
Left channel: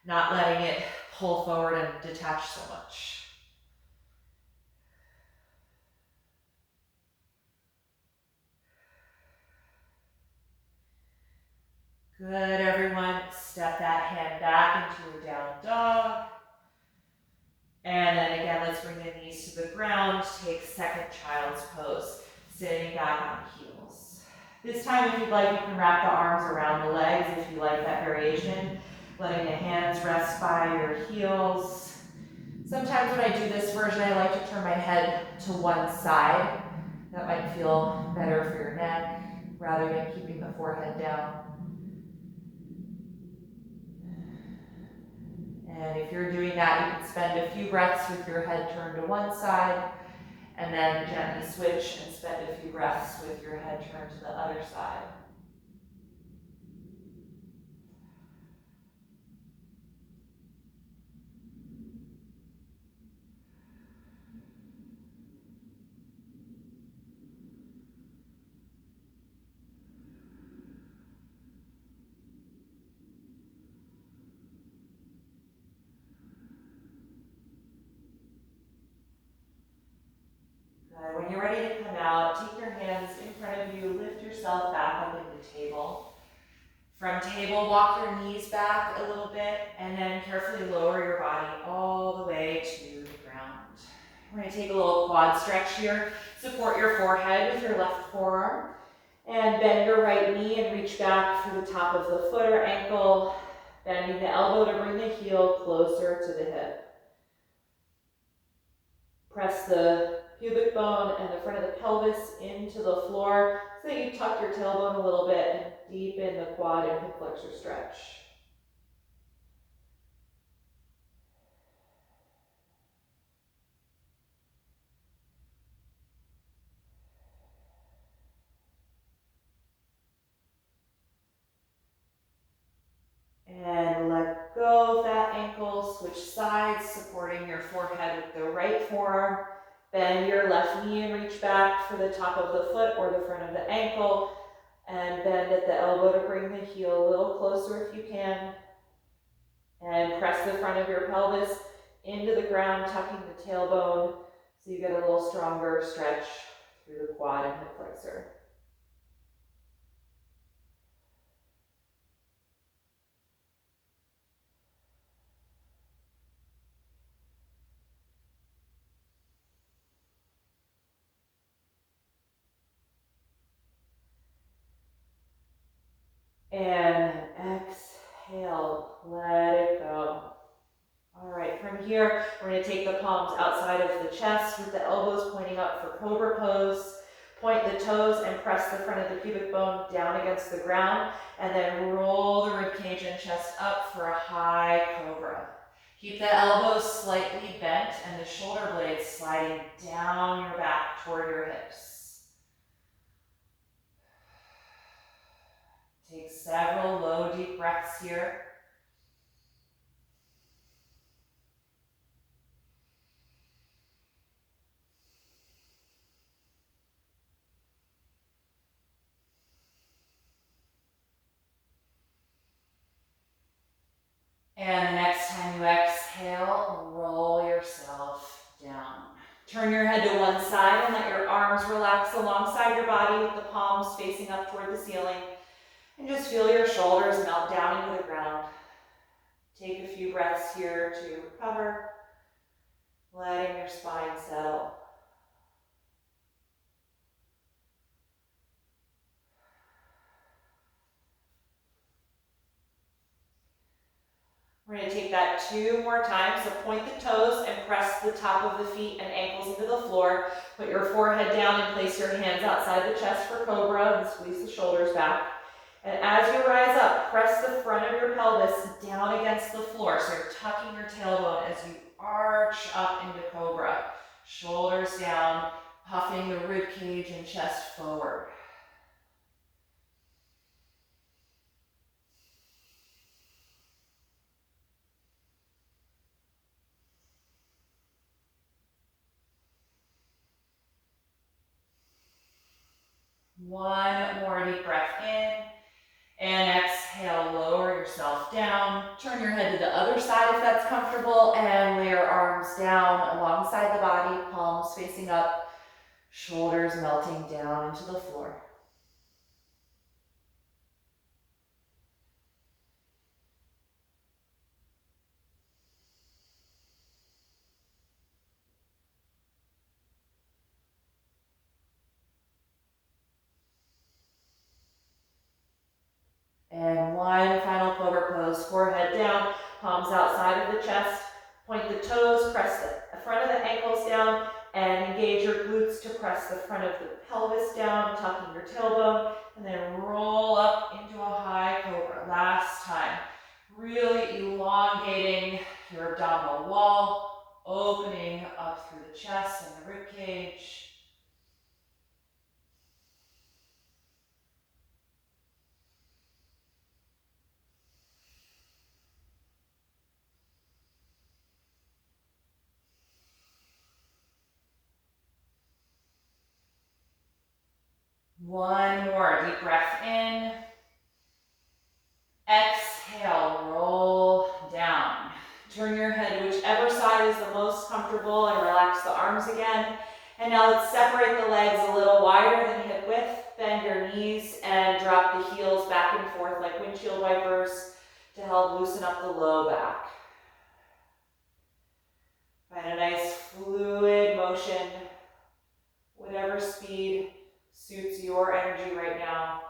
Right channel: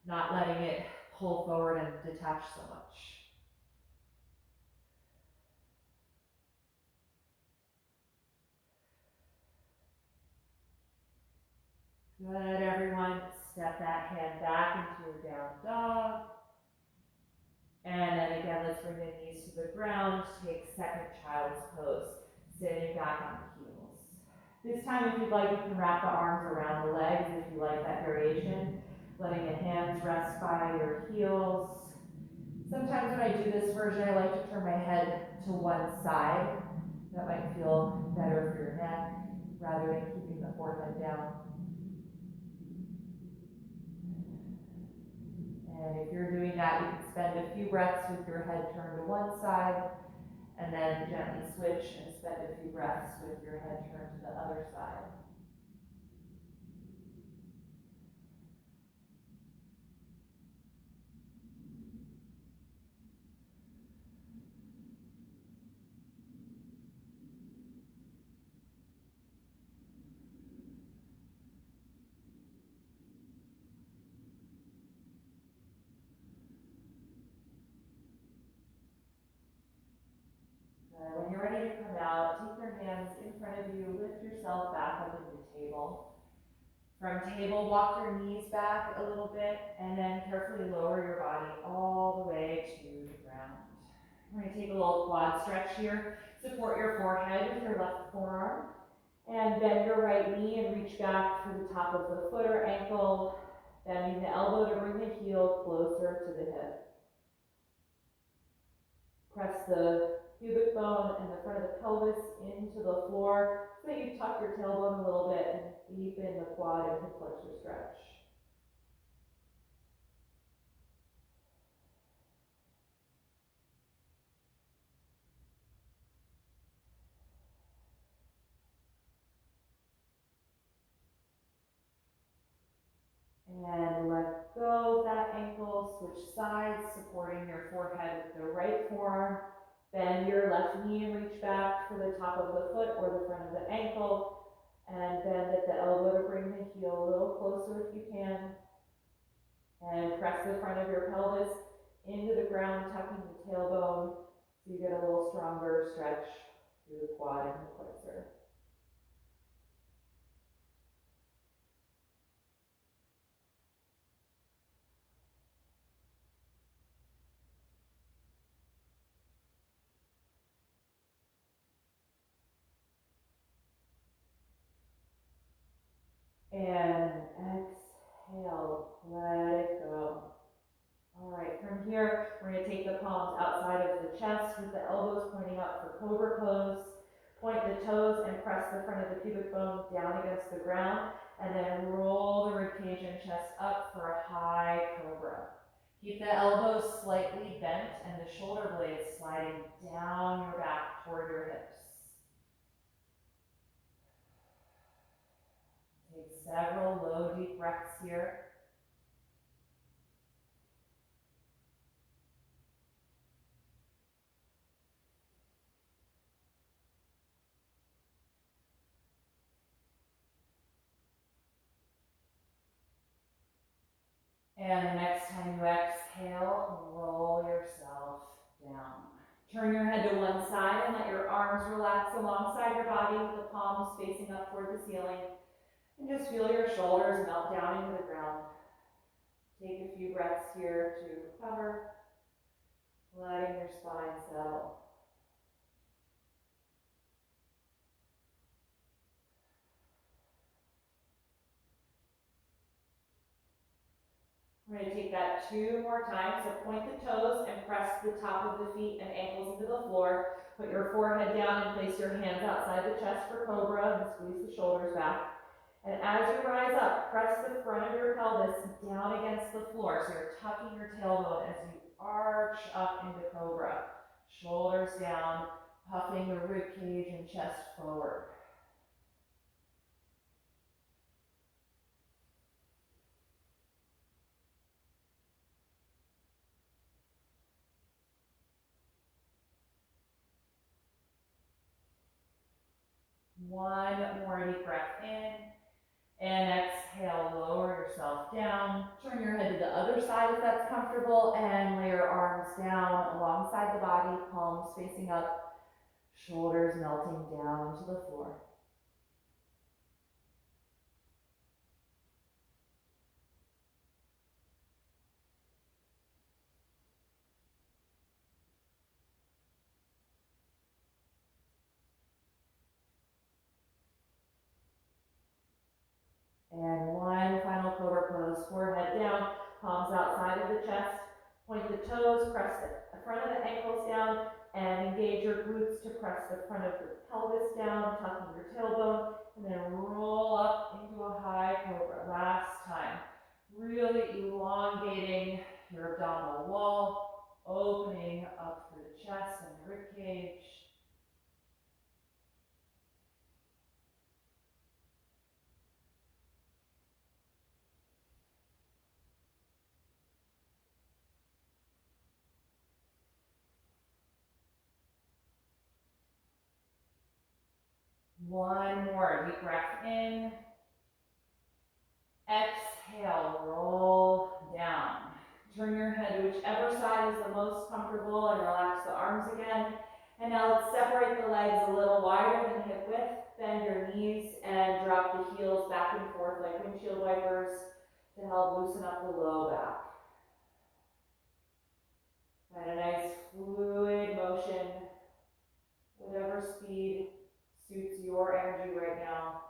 not letting it pull forward and detach so much. Good, everyone. Step that hand back into a down dog. And then again, let's bring the knees to the ground. Take second child's pose, sitting back on the heels. This time, if you'd like, you can wrap the arms around the legs if you like that variation. Letting the hands rest by your heels. Sometimes when I do this version, I like to turn my head to one side. That might feel better for your neck, rather than keeping the forehead down. And if you're doing that, you can spend a few breaths with your head turned to one side, and then gently switch and spend a few breaths with your head turned to the other side. Good. When you're ready to come out, take your hands in front of you, lift yourself back up into table. From table, walk your knees back a little bit, and then carefully lower your body all the way to the ground. We're going to take a little quad stretch here. Support your forehead with your left forearm, and bend your right knee and reach back for the top of the foot or ankle, bending the elbow to bring the heel closer to the hip. Press the pubic bone and the front of the pelvis into the floor so that you tuck your tailbone a little bit and deepen the quad and hip flexor stretch. And let go of that ankle, switch sides, supporting your forehead with the right forearm. Bend your left knee and reach back for the top of the foot or the front of the ankle. And bend at the elbow to bring the heel a little closer if you can. And press the front of your pelvis into the ground, tucking the tailbone so you get a little stronger stretch through the quad and hip flexor. And exhale, let it go. All right, from here, we're going to take the palms outside of the chest with the elbows pointing up for Cobra Pose. Point the toes and press the front of the pubic bone down against the ground, and then roll the ribcage and chest up for a high cobra. Keep the elbows slightly bent and the shoulder blades sliding down your back toward your hips. Take several low, deep breaths here. And the next time you exhale, roll yourself down. Turn your head to one side and let your arms relax alongside your body with the palms facing up toward the ceiling. And just feel your shoulders melt down into the ground. Take a few breaths here to recover, letting your spine settle. We're going to take that 2 more times. So point the toes and press the top of the feet and ankles into the floor. Put your forehead down and place your hands outside the chest for Cobra and squeeze the shoulders back. And as you rise up, press the front of your pelvis down against the floor. So you're tucking your tailbone as you arch up into Cobra. Shoulders down, puffing the rib cage and chest forward. One more deep breath in. And exhale, lower yourself down. Turn your head to the other side if that's comfortable, and lay your arms down alongside the body, palms facing up, shoulders melting down into the floor. And one final Cobra Pose, forehead down, palms outside of the chest. Point the toes, press the front of the ankles down, and engage your glutes to press the front of the pelvis down, tucking your tailbone, and then roll up into a high Cobra. Last time. Really elongating your abdominal wall, opening up through the chest and the rib cage. One more deep breath in. Exhale, roll down. Turn your head whichever side is the most comfortable and relax the arms again. And now let's separate the legs a little wider than hip width. Bend your knees and drop the heels back and forth like windshield wipers to help loosen up the low back. Find a nice fluid motion, whatever speed suits your energy right now.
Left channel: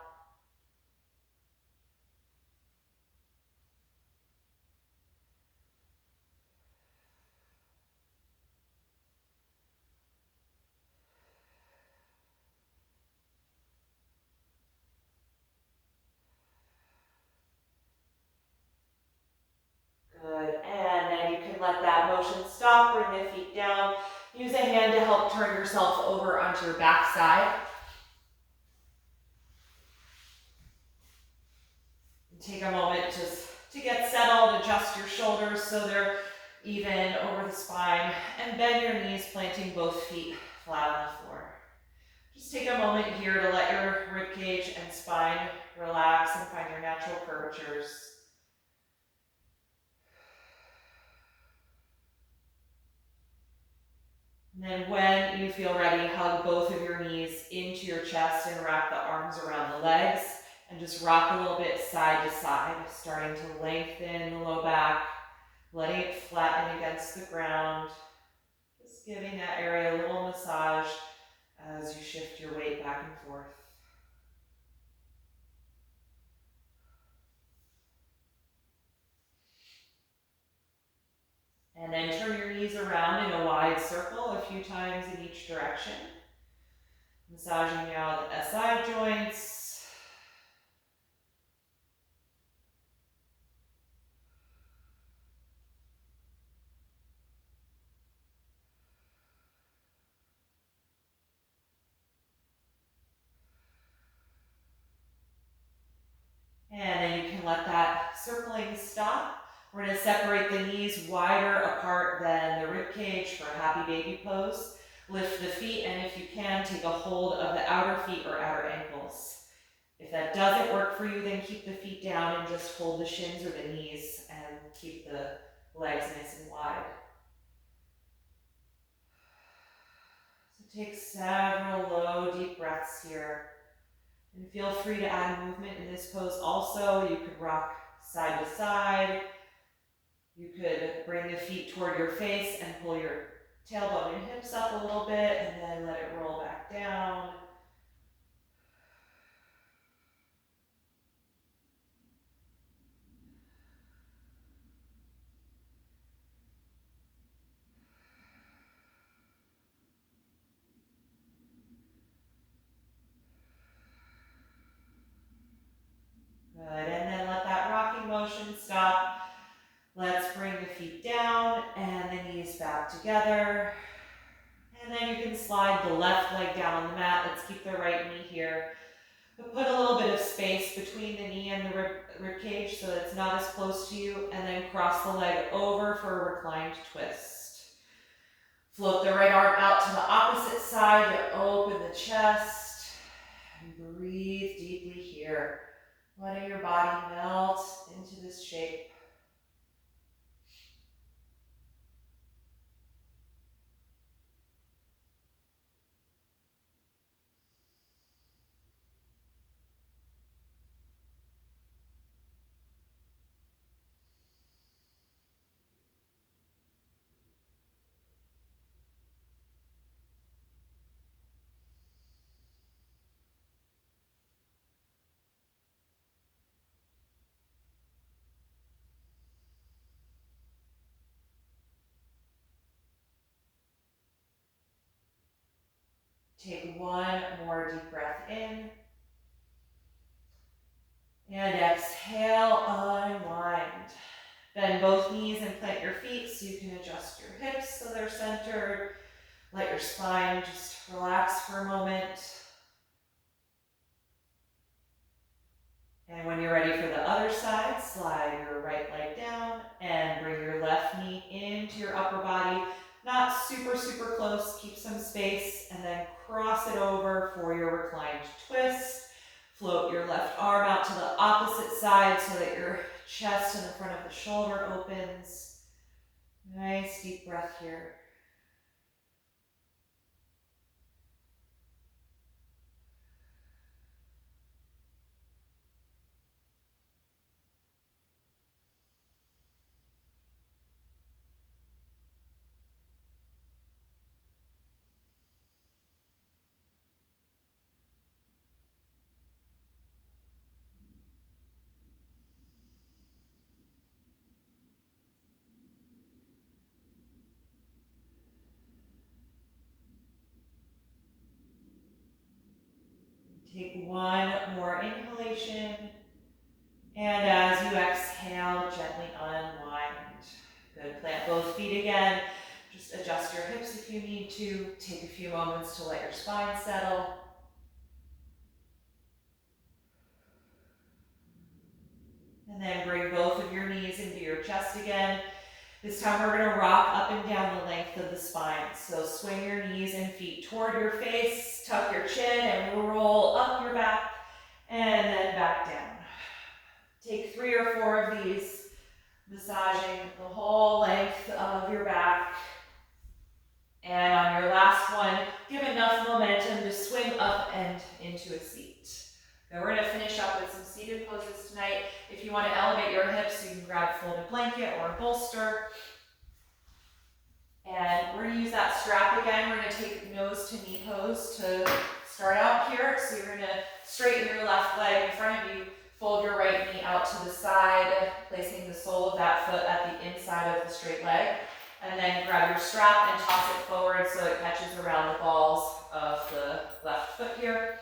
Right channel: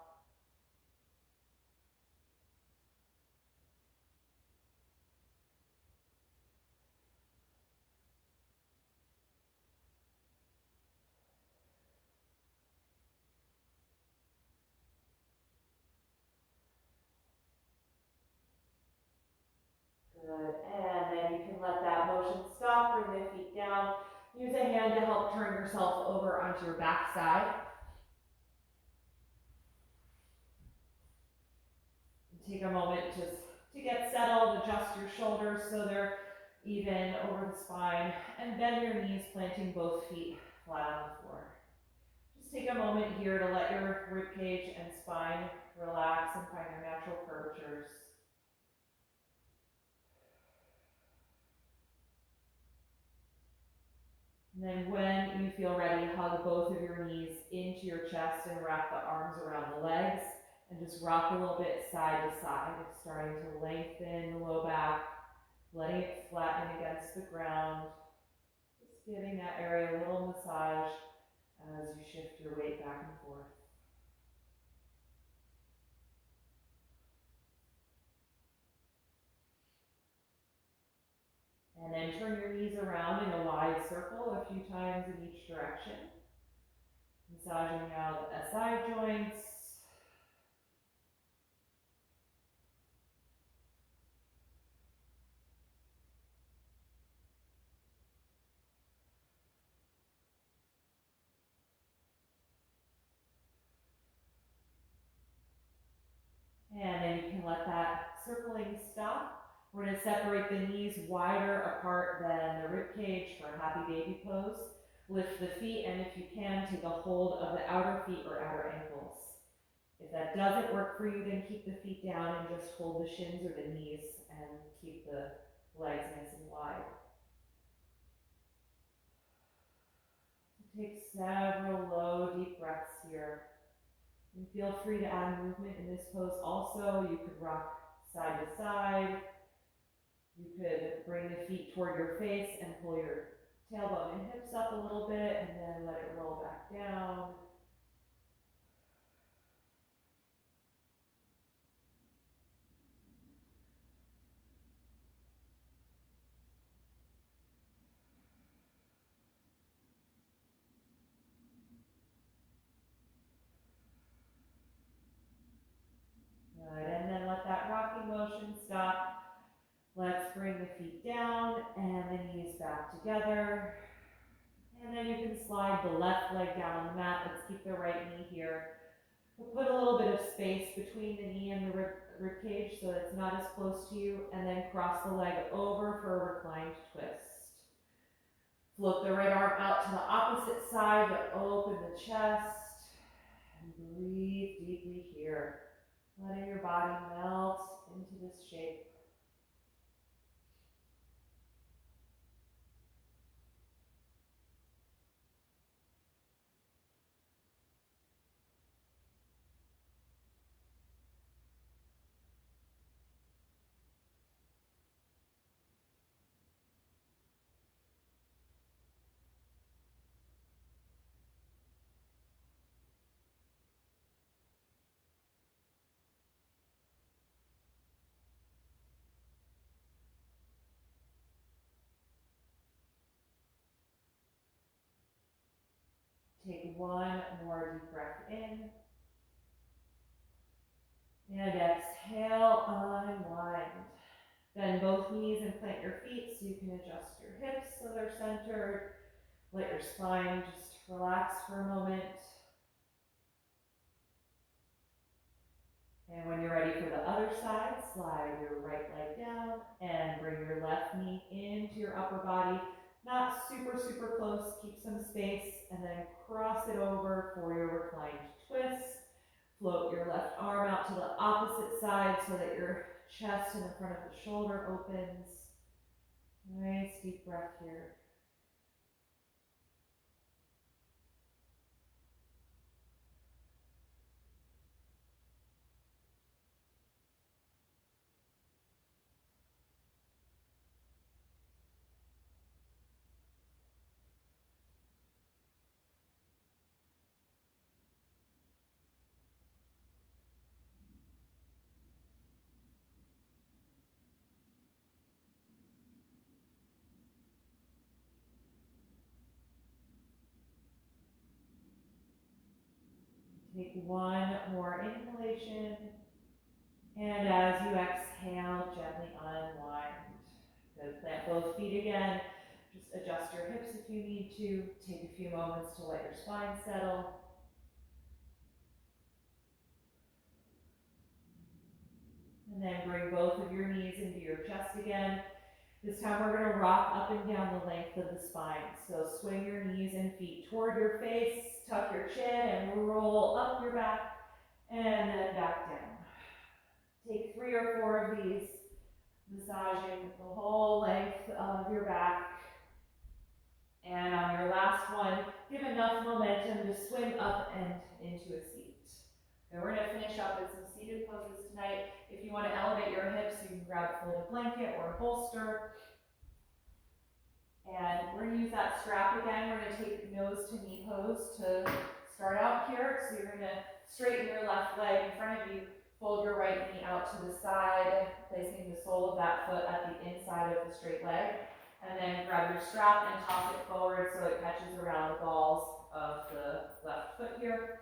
Good, and then you can let that motion stop, bring the feet down. Use a hand to help turn yourself over onto your back side. Take a moment just to get settled, adjust your shoulders so they're even over the spine, and bend your knees, planting both feet flat on the floor. Just take a moment here to let your rib cage and spine relax and find your natural curvatures. And then when you feel ready, hug both of your knees into your chest and wrap the arms around the legs. And just rock a little bit side to side, starting to lengthen the low back, letting it flatten against the ground. Just giving that area a little massage as you shift your weight back and forth. And then turn your knees around in a wide circle a few times in each direction. Massaging now the SI joints. And then you can let that circling stop. We're going to separate the knees wider apart than the rib cage for a happy baby pose. Lift the feet, and if you can, take a hold of the outer feet or outer ankles. If that doesn't work for you, then keep the feet down and just hold the shins or the knees and keep the legs nice and wide. So take several low, deep breaths here. And feel free to add movement in this pose also. You could rock side to side. You could bring the feet toward your face and pull your tailbone and hips up a little bit and then let it roll back down. Good, and then let that rocking motion stop. Let's bring the feet down and the knees back together. And then you can slide the left leg down on the mat. Let's keep the right knee here. But put a little bit of space between the knee and the rib cage so that it's not as close to you. And then cross the leg over for a reclined twist. Float the right arm out to the opposite side to open the chest. And breathe deeply here. Letting your body melt into this shape. Take one more deep breath in. And exhale, unwind. Bend both knees and plant your feet so you can adjust your hips so they're centered. Let your spine just relax for a moment. And when you're ready for the other side, slide your right leg down and bring your left knee into your upper body. Not super, super close, keep some space, and then cross it over for your reclined twist. Float your left arm out to the opposite side so that your chest and the front of the shoulder opens. Nice deep breath here. Take one more inhalation, and as you exhale, gently unwind. Good, plant both feet again. Just adjust your hips if you need to. Take a few moments to let your spine settle. And then bring both of your knees into your chest again. This time we're going to rock up and down the length of the spine. So swing your knees and feet toward your face, tuck your chin, and roll up your back, and then back down. Take 3 or 4 of these, massaging the whole length of your back. And on your last one, give enough momentum to swing up and into a seat. Now we're going to finish up with some seated poses tonight. If you want to elevate your hips, you can grab a folded blanket or a bolster. And we're going to use that strap again. We're going to take nose to knee pose to start out here. So you're going to straighten your left leg in front of you, fold your right knee out to the side, placing the sole of that foot at the inside of the straight leg. And then grab your strap and toss it forward so it catches around the balls of the left foot here.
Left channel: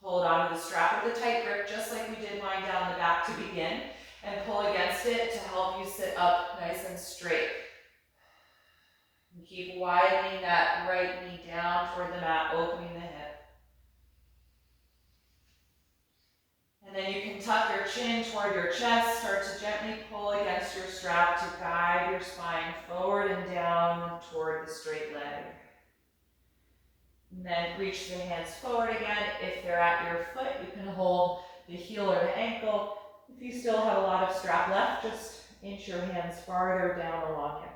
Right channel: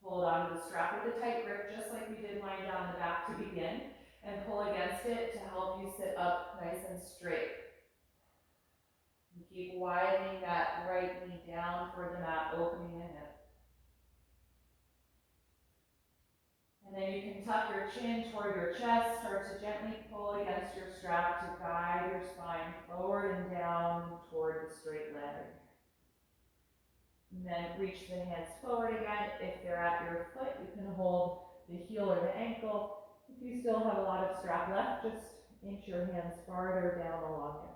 Hold on to the strap with a tight grip, just like we did lying down the back to begin, and pull against it to help you sit up nice and straight. And keep widening that right knee down toward the mat, opening the hip. And then you can tuck your chin toward your chest, start to gently pull against your strap to guide your spine forward and down toward the straight leg. And then reach the hands forward again. If they're at your foot, you can hold the heel or the ankle. If you still have a lot of strap left, just inch your hands farther down along it.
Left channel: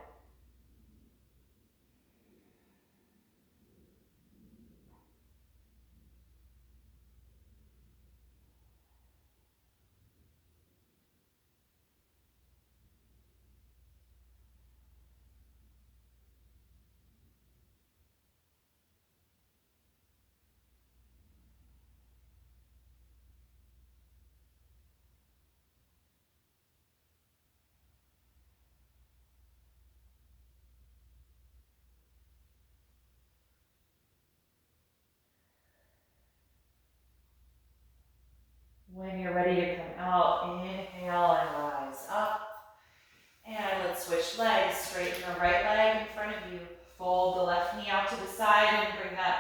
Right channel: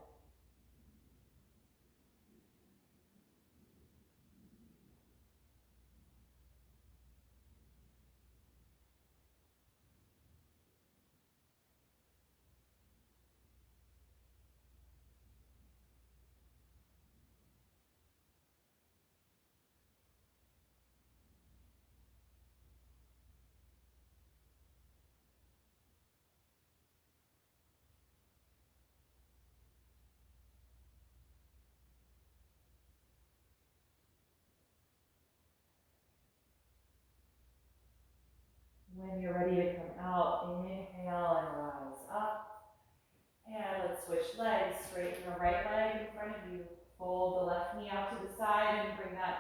When you're ready to come out, inhale and rise up. And let's switch legs. Straighten the right leg in front of you. Fold the left knee out to the side and bring that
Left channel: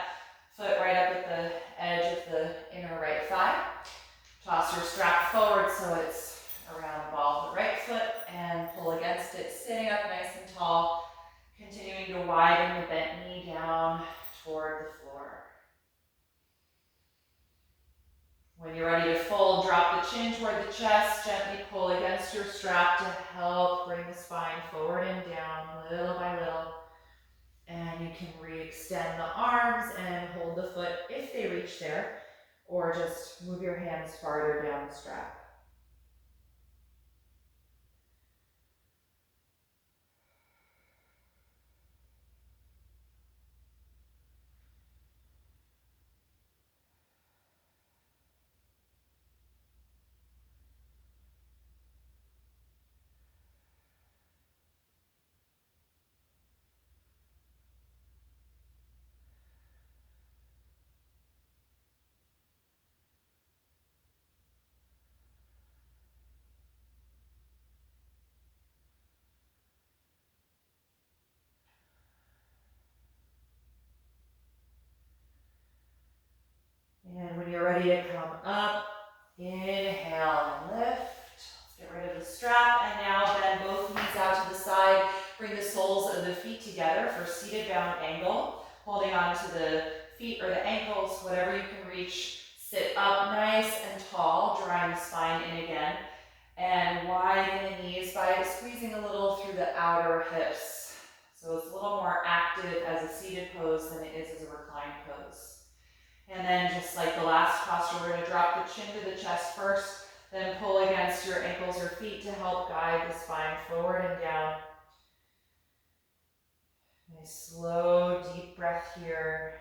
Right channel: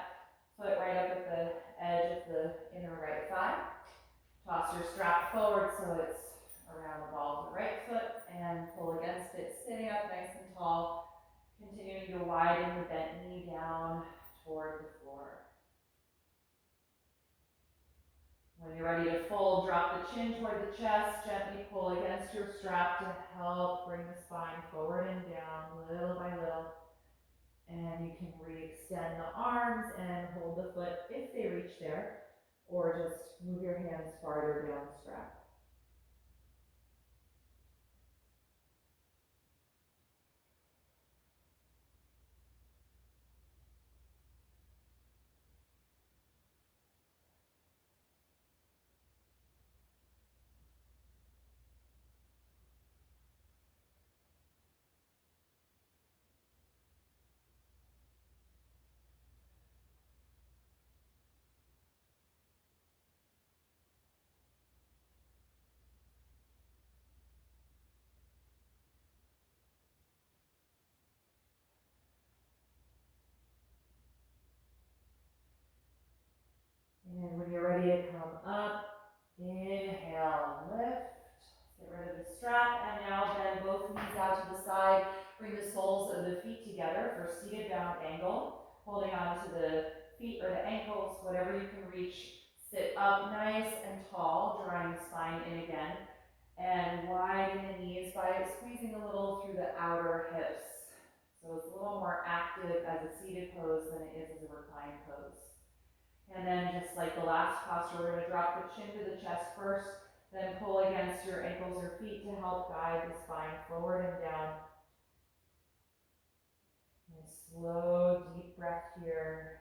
foot right up at the edge of the inner right thigh. Toss your strap forward so it's around the ball of the right foot and pull against it, sitting up nice and tall, continuing to widen the bent knee down toward the floor. When you're ready to fold, drop the chin toward the chest, gently pull against your strap to help bring the spine forward and down little by little. And you can re-extend the arms and hold the foot if they reach there, or just move your hands farther down the strap. And when you're ready to come up, inhale and lift. Let's get rid of the strap. And now bend both knees out to the side. Bring the soles of the feet together for seated bound angle. Holding on to the feet or the ankles, whatever you can reach. Sit up nice and tall, drawing the spine in again. And widen the knees by squeezing a little through the outer hips. So it's a little more active as a seated pose than it is as a reclined pose. And then just like the last posture, we're going to drop the chin to the chest first, then pull against your ankles or feet to help guide the spine forward and down. Nice slow, deep breath here.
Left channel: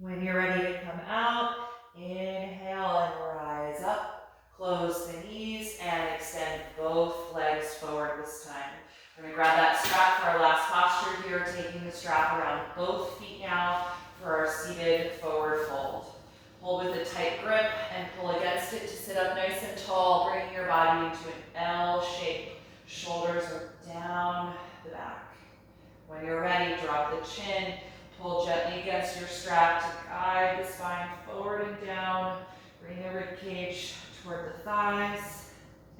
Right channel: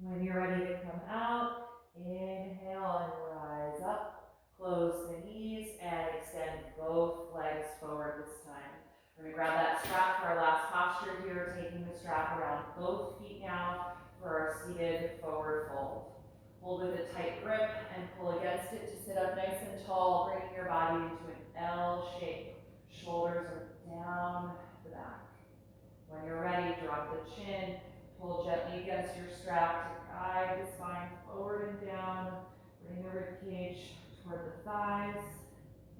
When you're ready to come out, inhale and rise up. Close the knees and extend both legs forward this time. We're going to grab that strap for our last posture here, taking the strap around both feet now for our seated forward fold. Hold with a tight grip and pull against it to sit up nice and tall, bringing your body into an L shape. Shoulders are down the back. When you're ready, drop the chin. Pull gently against your strap to guide the spine forward and down. Bring the rib cage toward the thighs.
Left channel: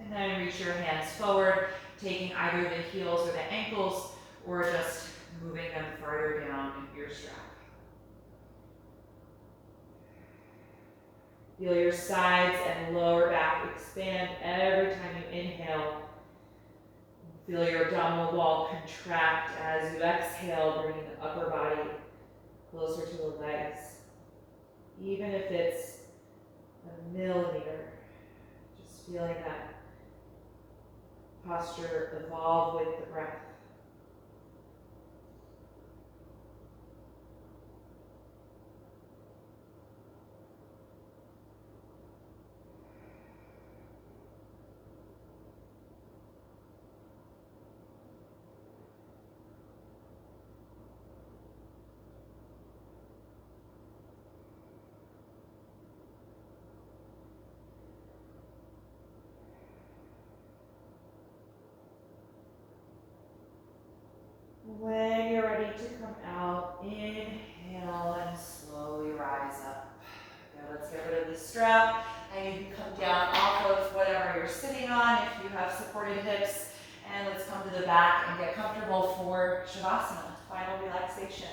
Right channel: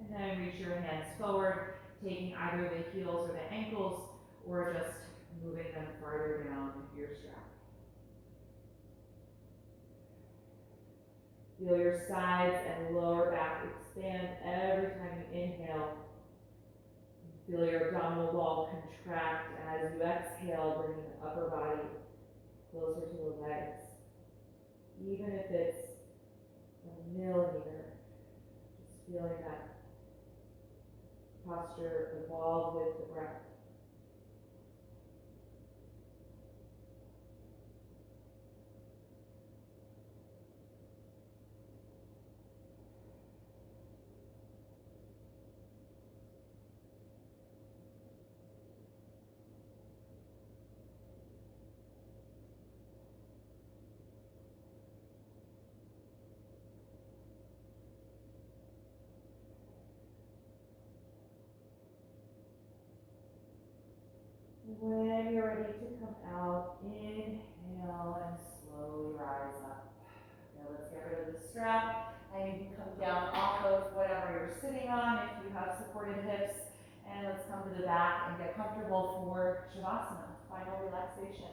And then reach your hands forward, taking either the heels or the ankles, or just moving them further down your strap. Feel your sides and lower back expand every time you inhale. Feel your abdominal wall contract as you exhale, bringing the upper body closer to the legs. Even if it's a millimeter, just feeling that posture evolve with the breath. When you're ready to come out, inhale and slowly rise up. Now let's get rid of the strap, and you can come down off of whatever you're sitting on if you have supported hips. And let's come to the back and get comfortable for Shavasana, final relaxation.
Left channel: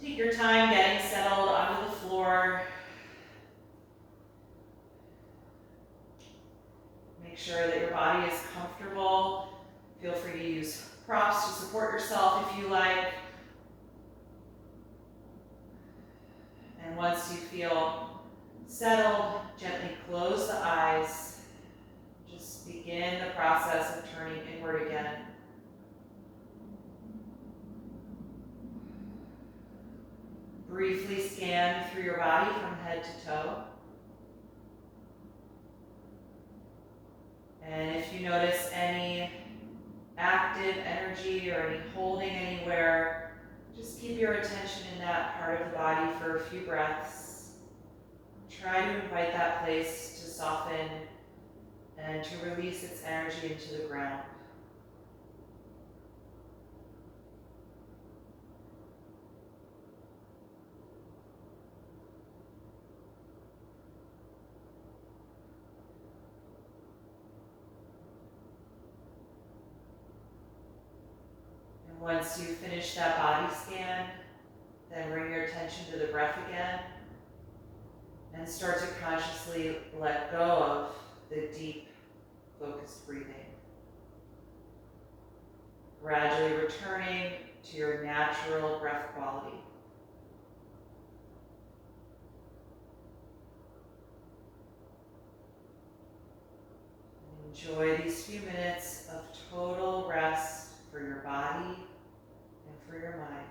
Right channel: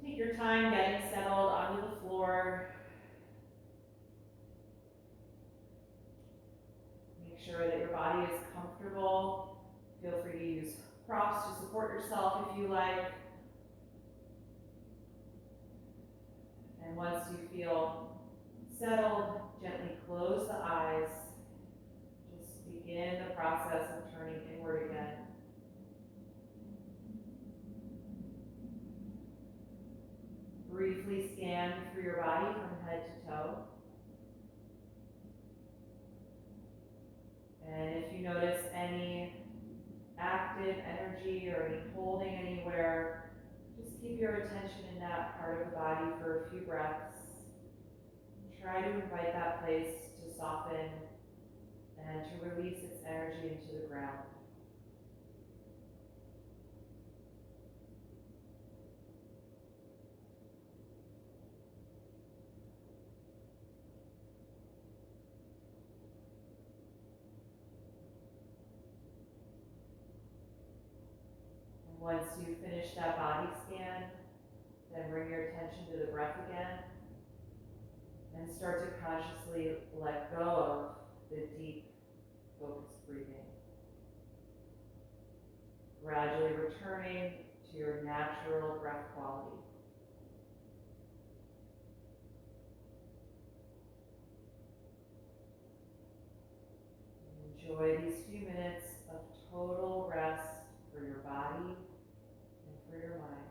Take your time getting settled onto the floor. Make sure that your body is comfortable. Feel free to use props to support yourself if you like. And once you feel settled, gently close the eyes. Just begin the process of turning inward again. Briefly scan through your body from head to toe. And if you notice any active energy or any holding anywhere, just keep your attention in that part of the body for a few breaths. Try to invite that place to soften and to release its energy into the ground. Once you finish that body scan, then bring your attention to the breath again and start to consciously let go of the deep, focused breathing. Gradually returning to your natural breath quality. Enjoy these few minutes of total rest for your body and for your mind.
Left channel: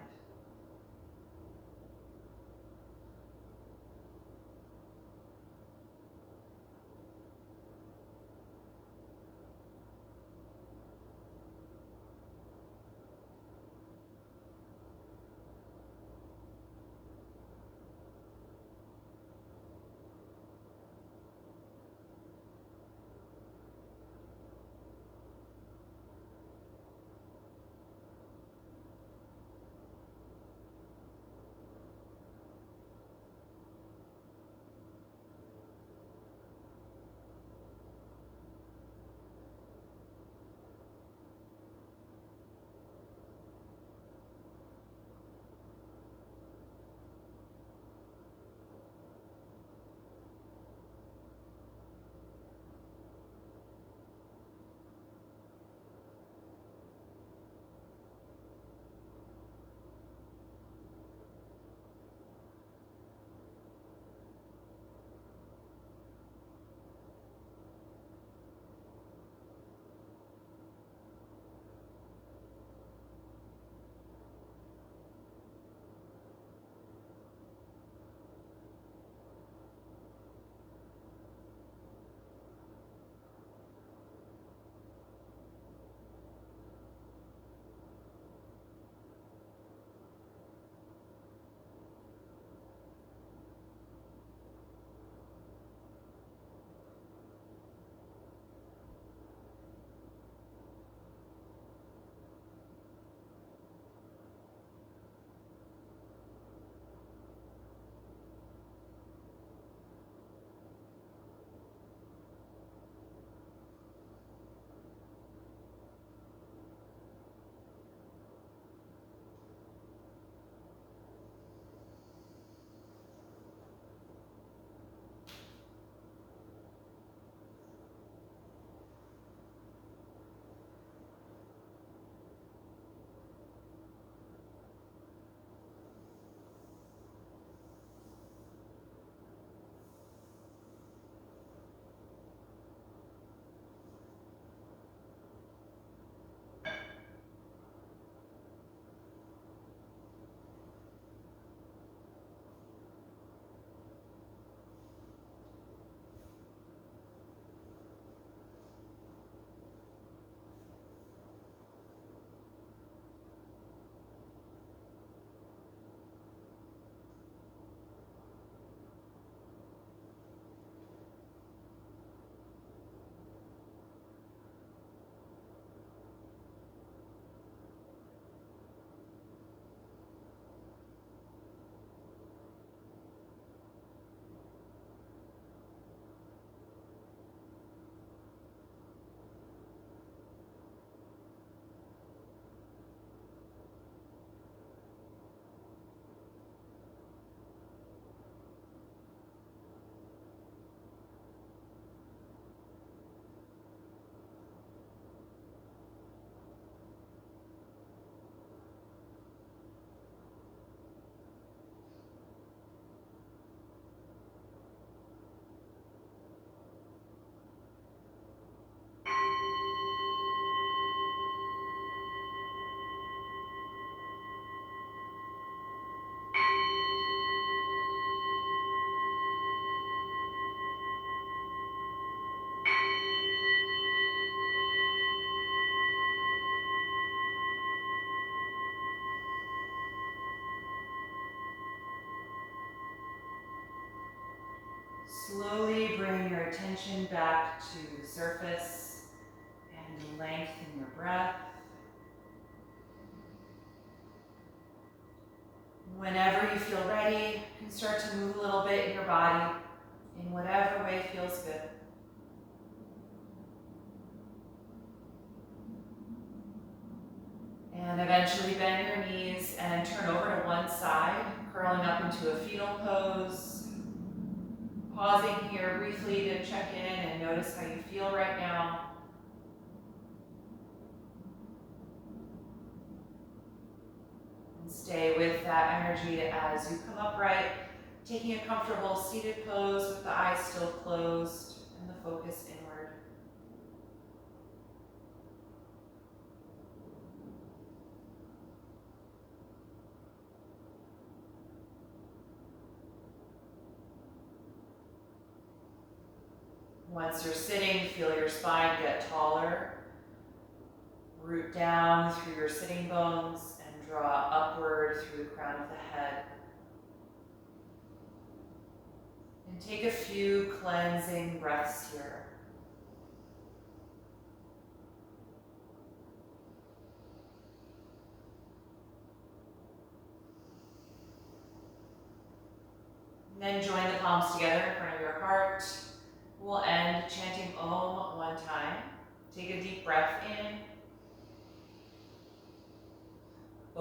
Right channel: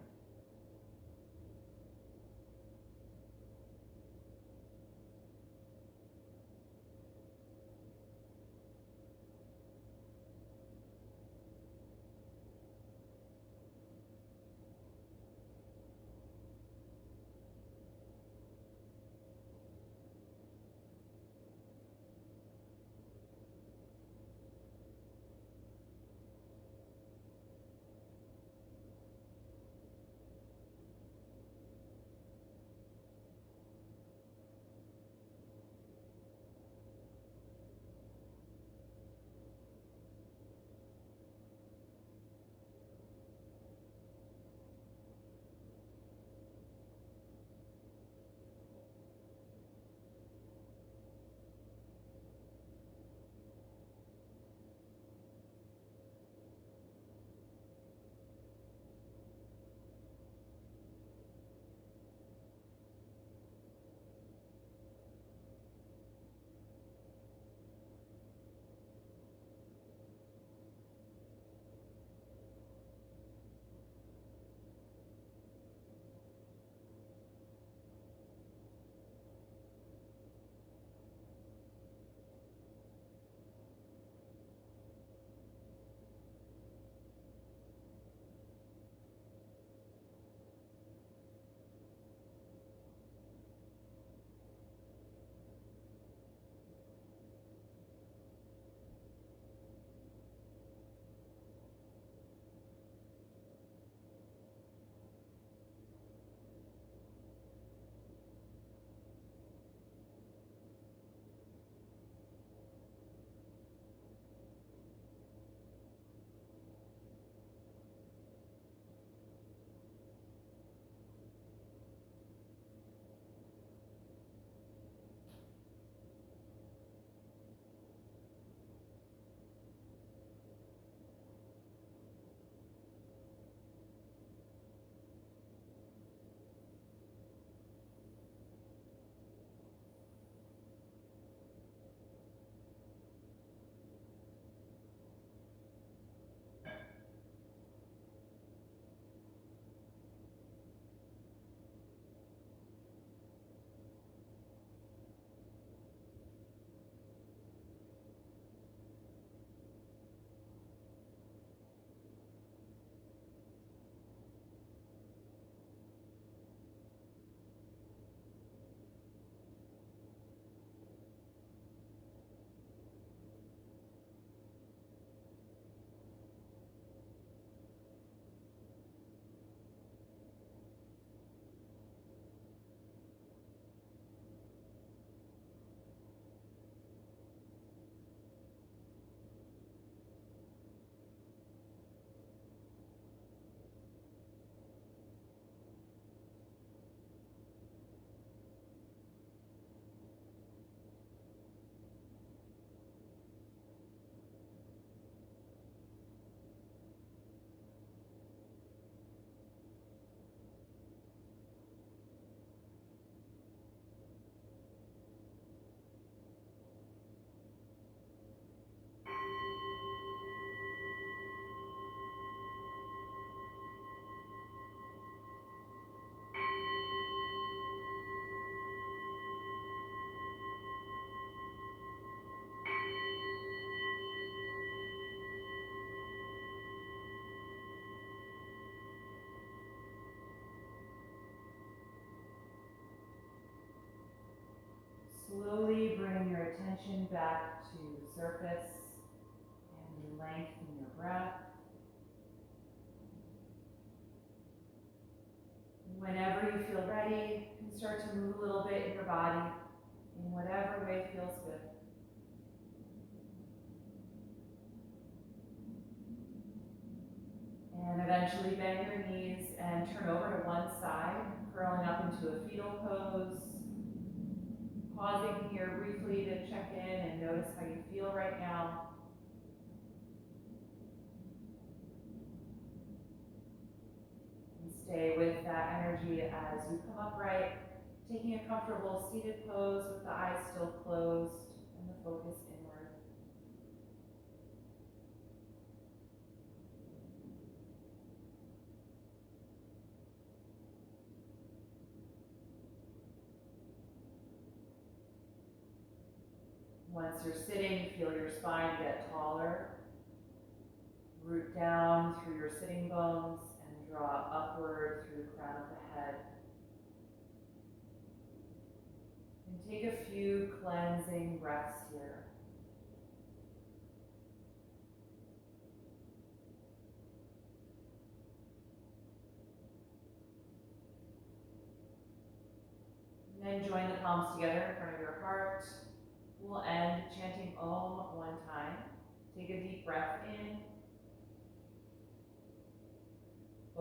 Slowly bring your attention back to the surface and lengthen your breath. Whenever you feel ready, you can start to move a little bit in your body in whatever way feels good. And eventually bend your knees and turn over to one side, curling up into a fetal pose. Pausing here briefly to check in and notice how you feel right now. And stay with that energy as you come upright, taking a comfortable seated pose with the eyes still closed and the focus inward. Once you're sitting, feel your spine get taller. Root down through your sitting bones and draw upward through the crown of the head. And take a few cleansing breaths here. And then join the palms together in front of your heart. We'll end chanting Om one time. Take a deep breath in.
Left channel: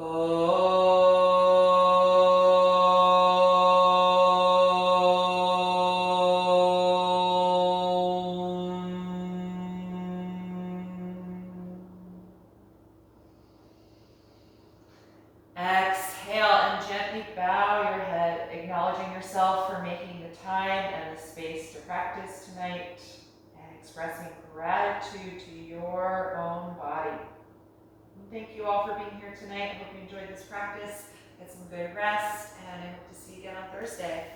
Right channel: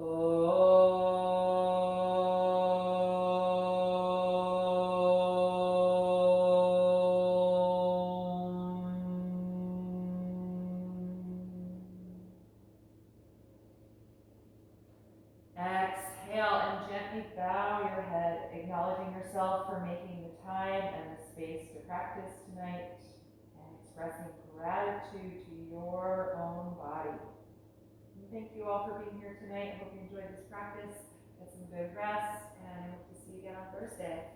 Om. Exhale and gently bow your head, acknowledging yourself for making the time and the space to practice tonight, and expressing gratitude to your own body. And thank you all for being here tonight. I hope you enjoyed this practice. Get some good rest, and I hope to see you again on Thursday.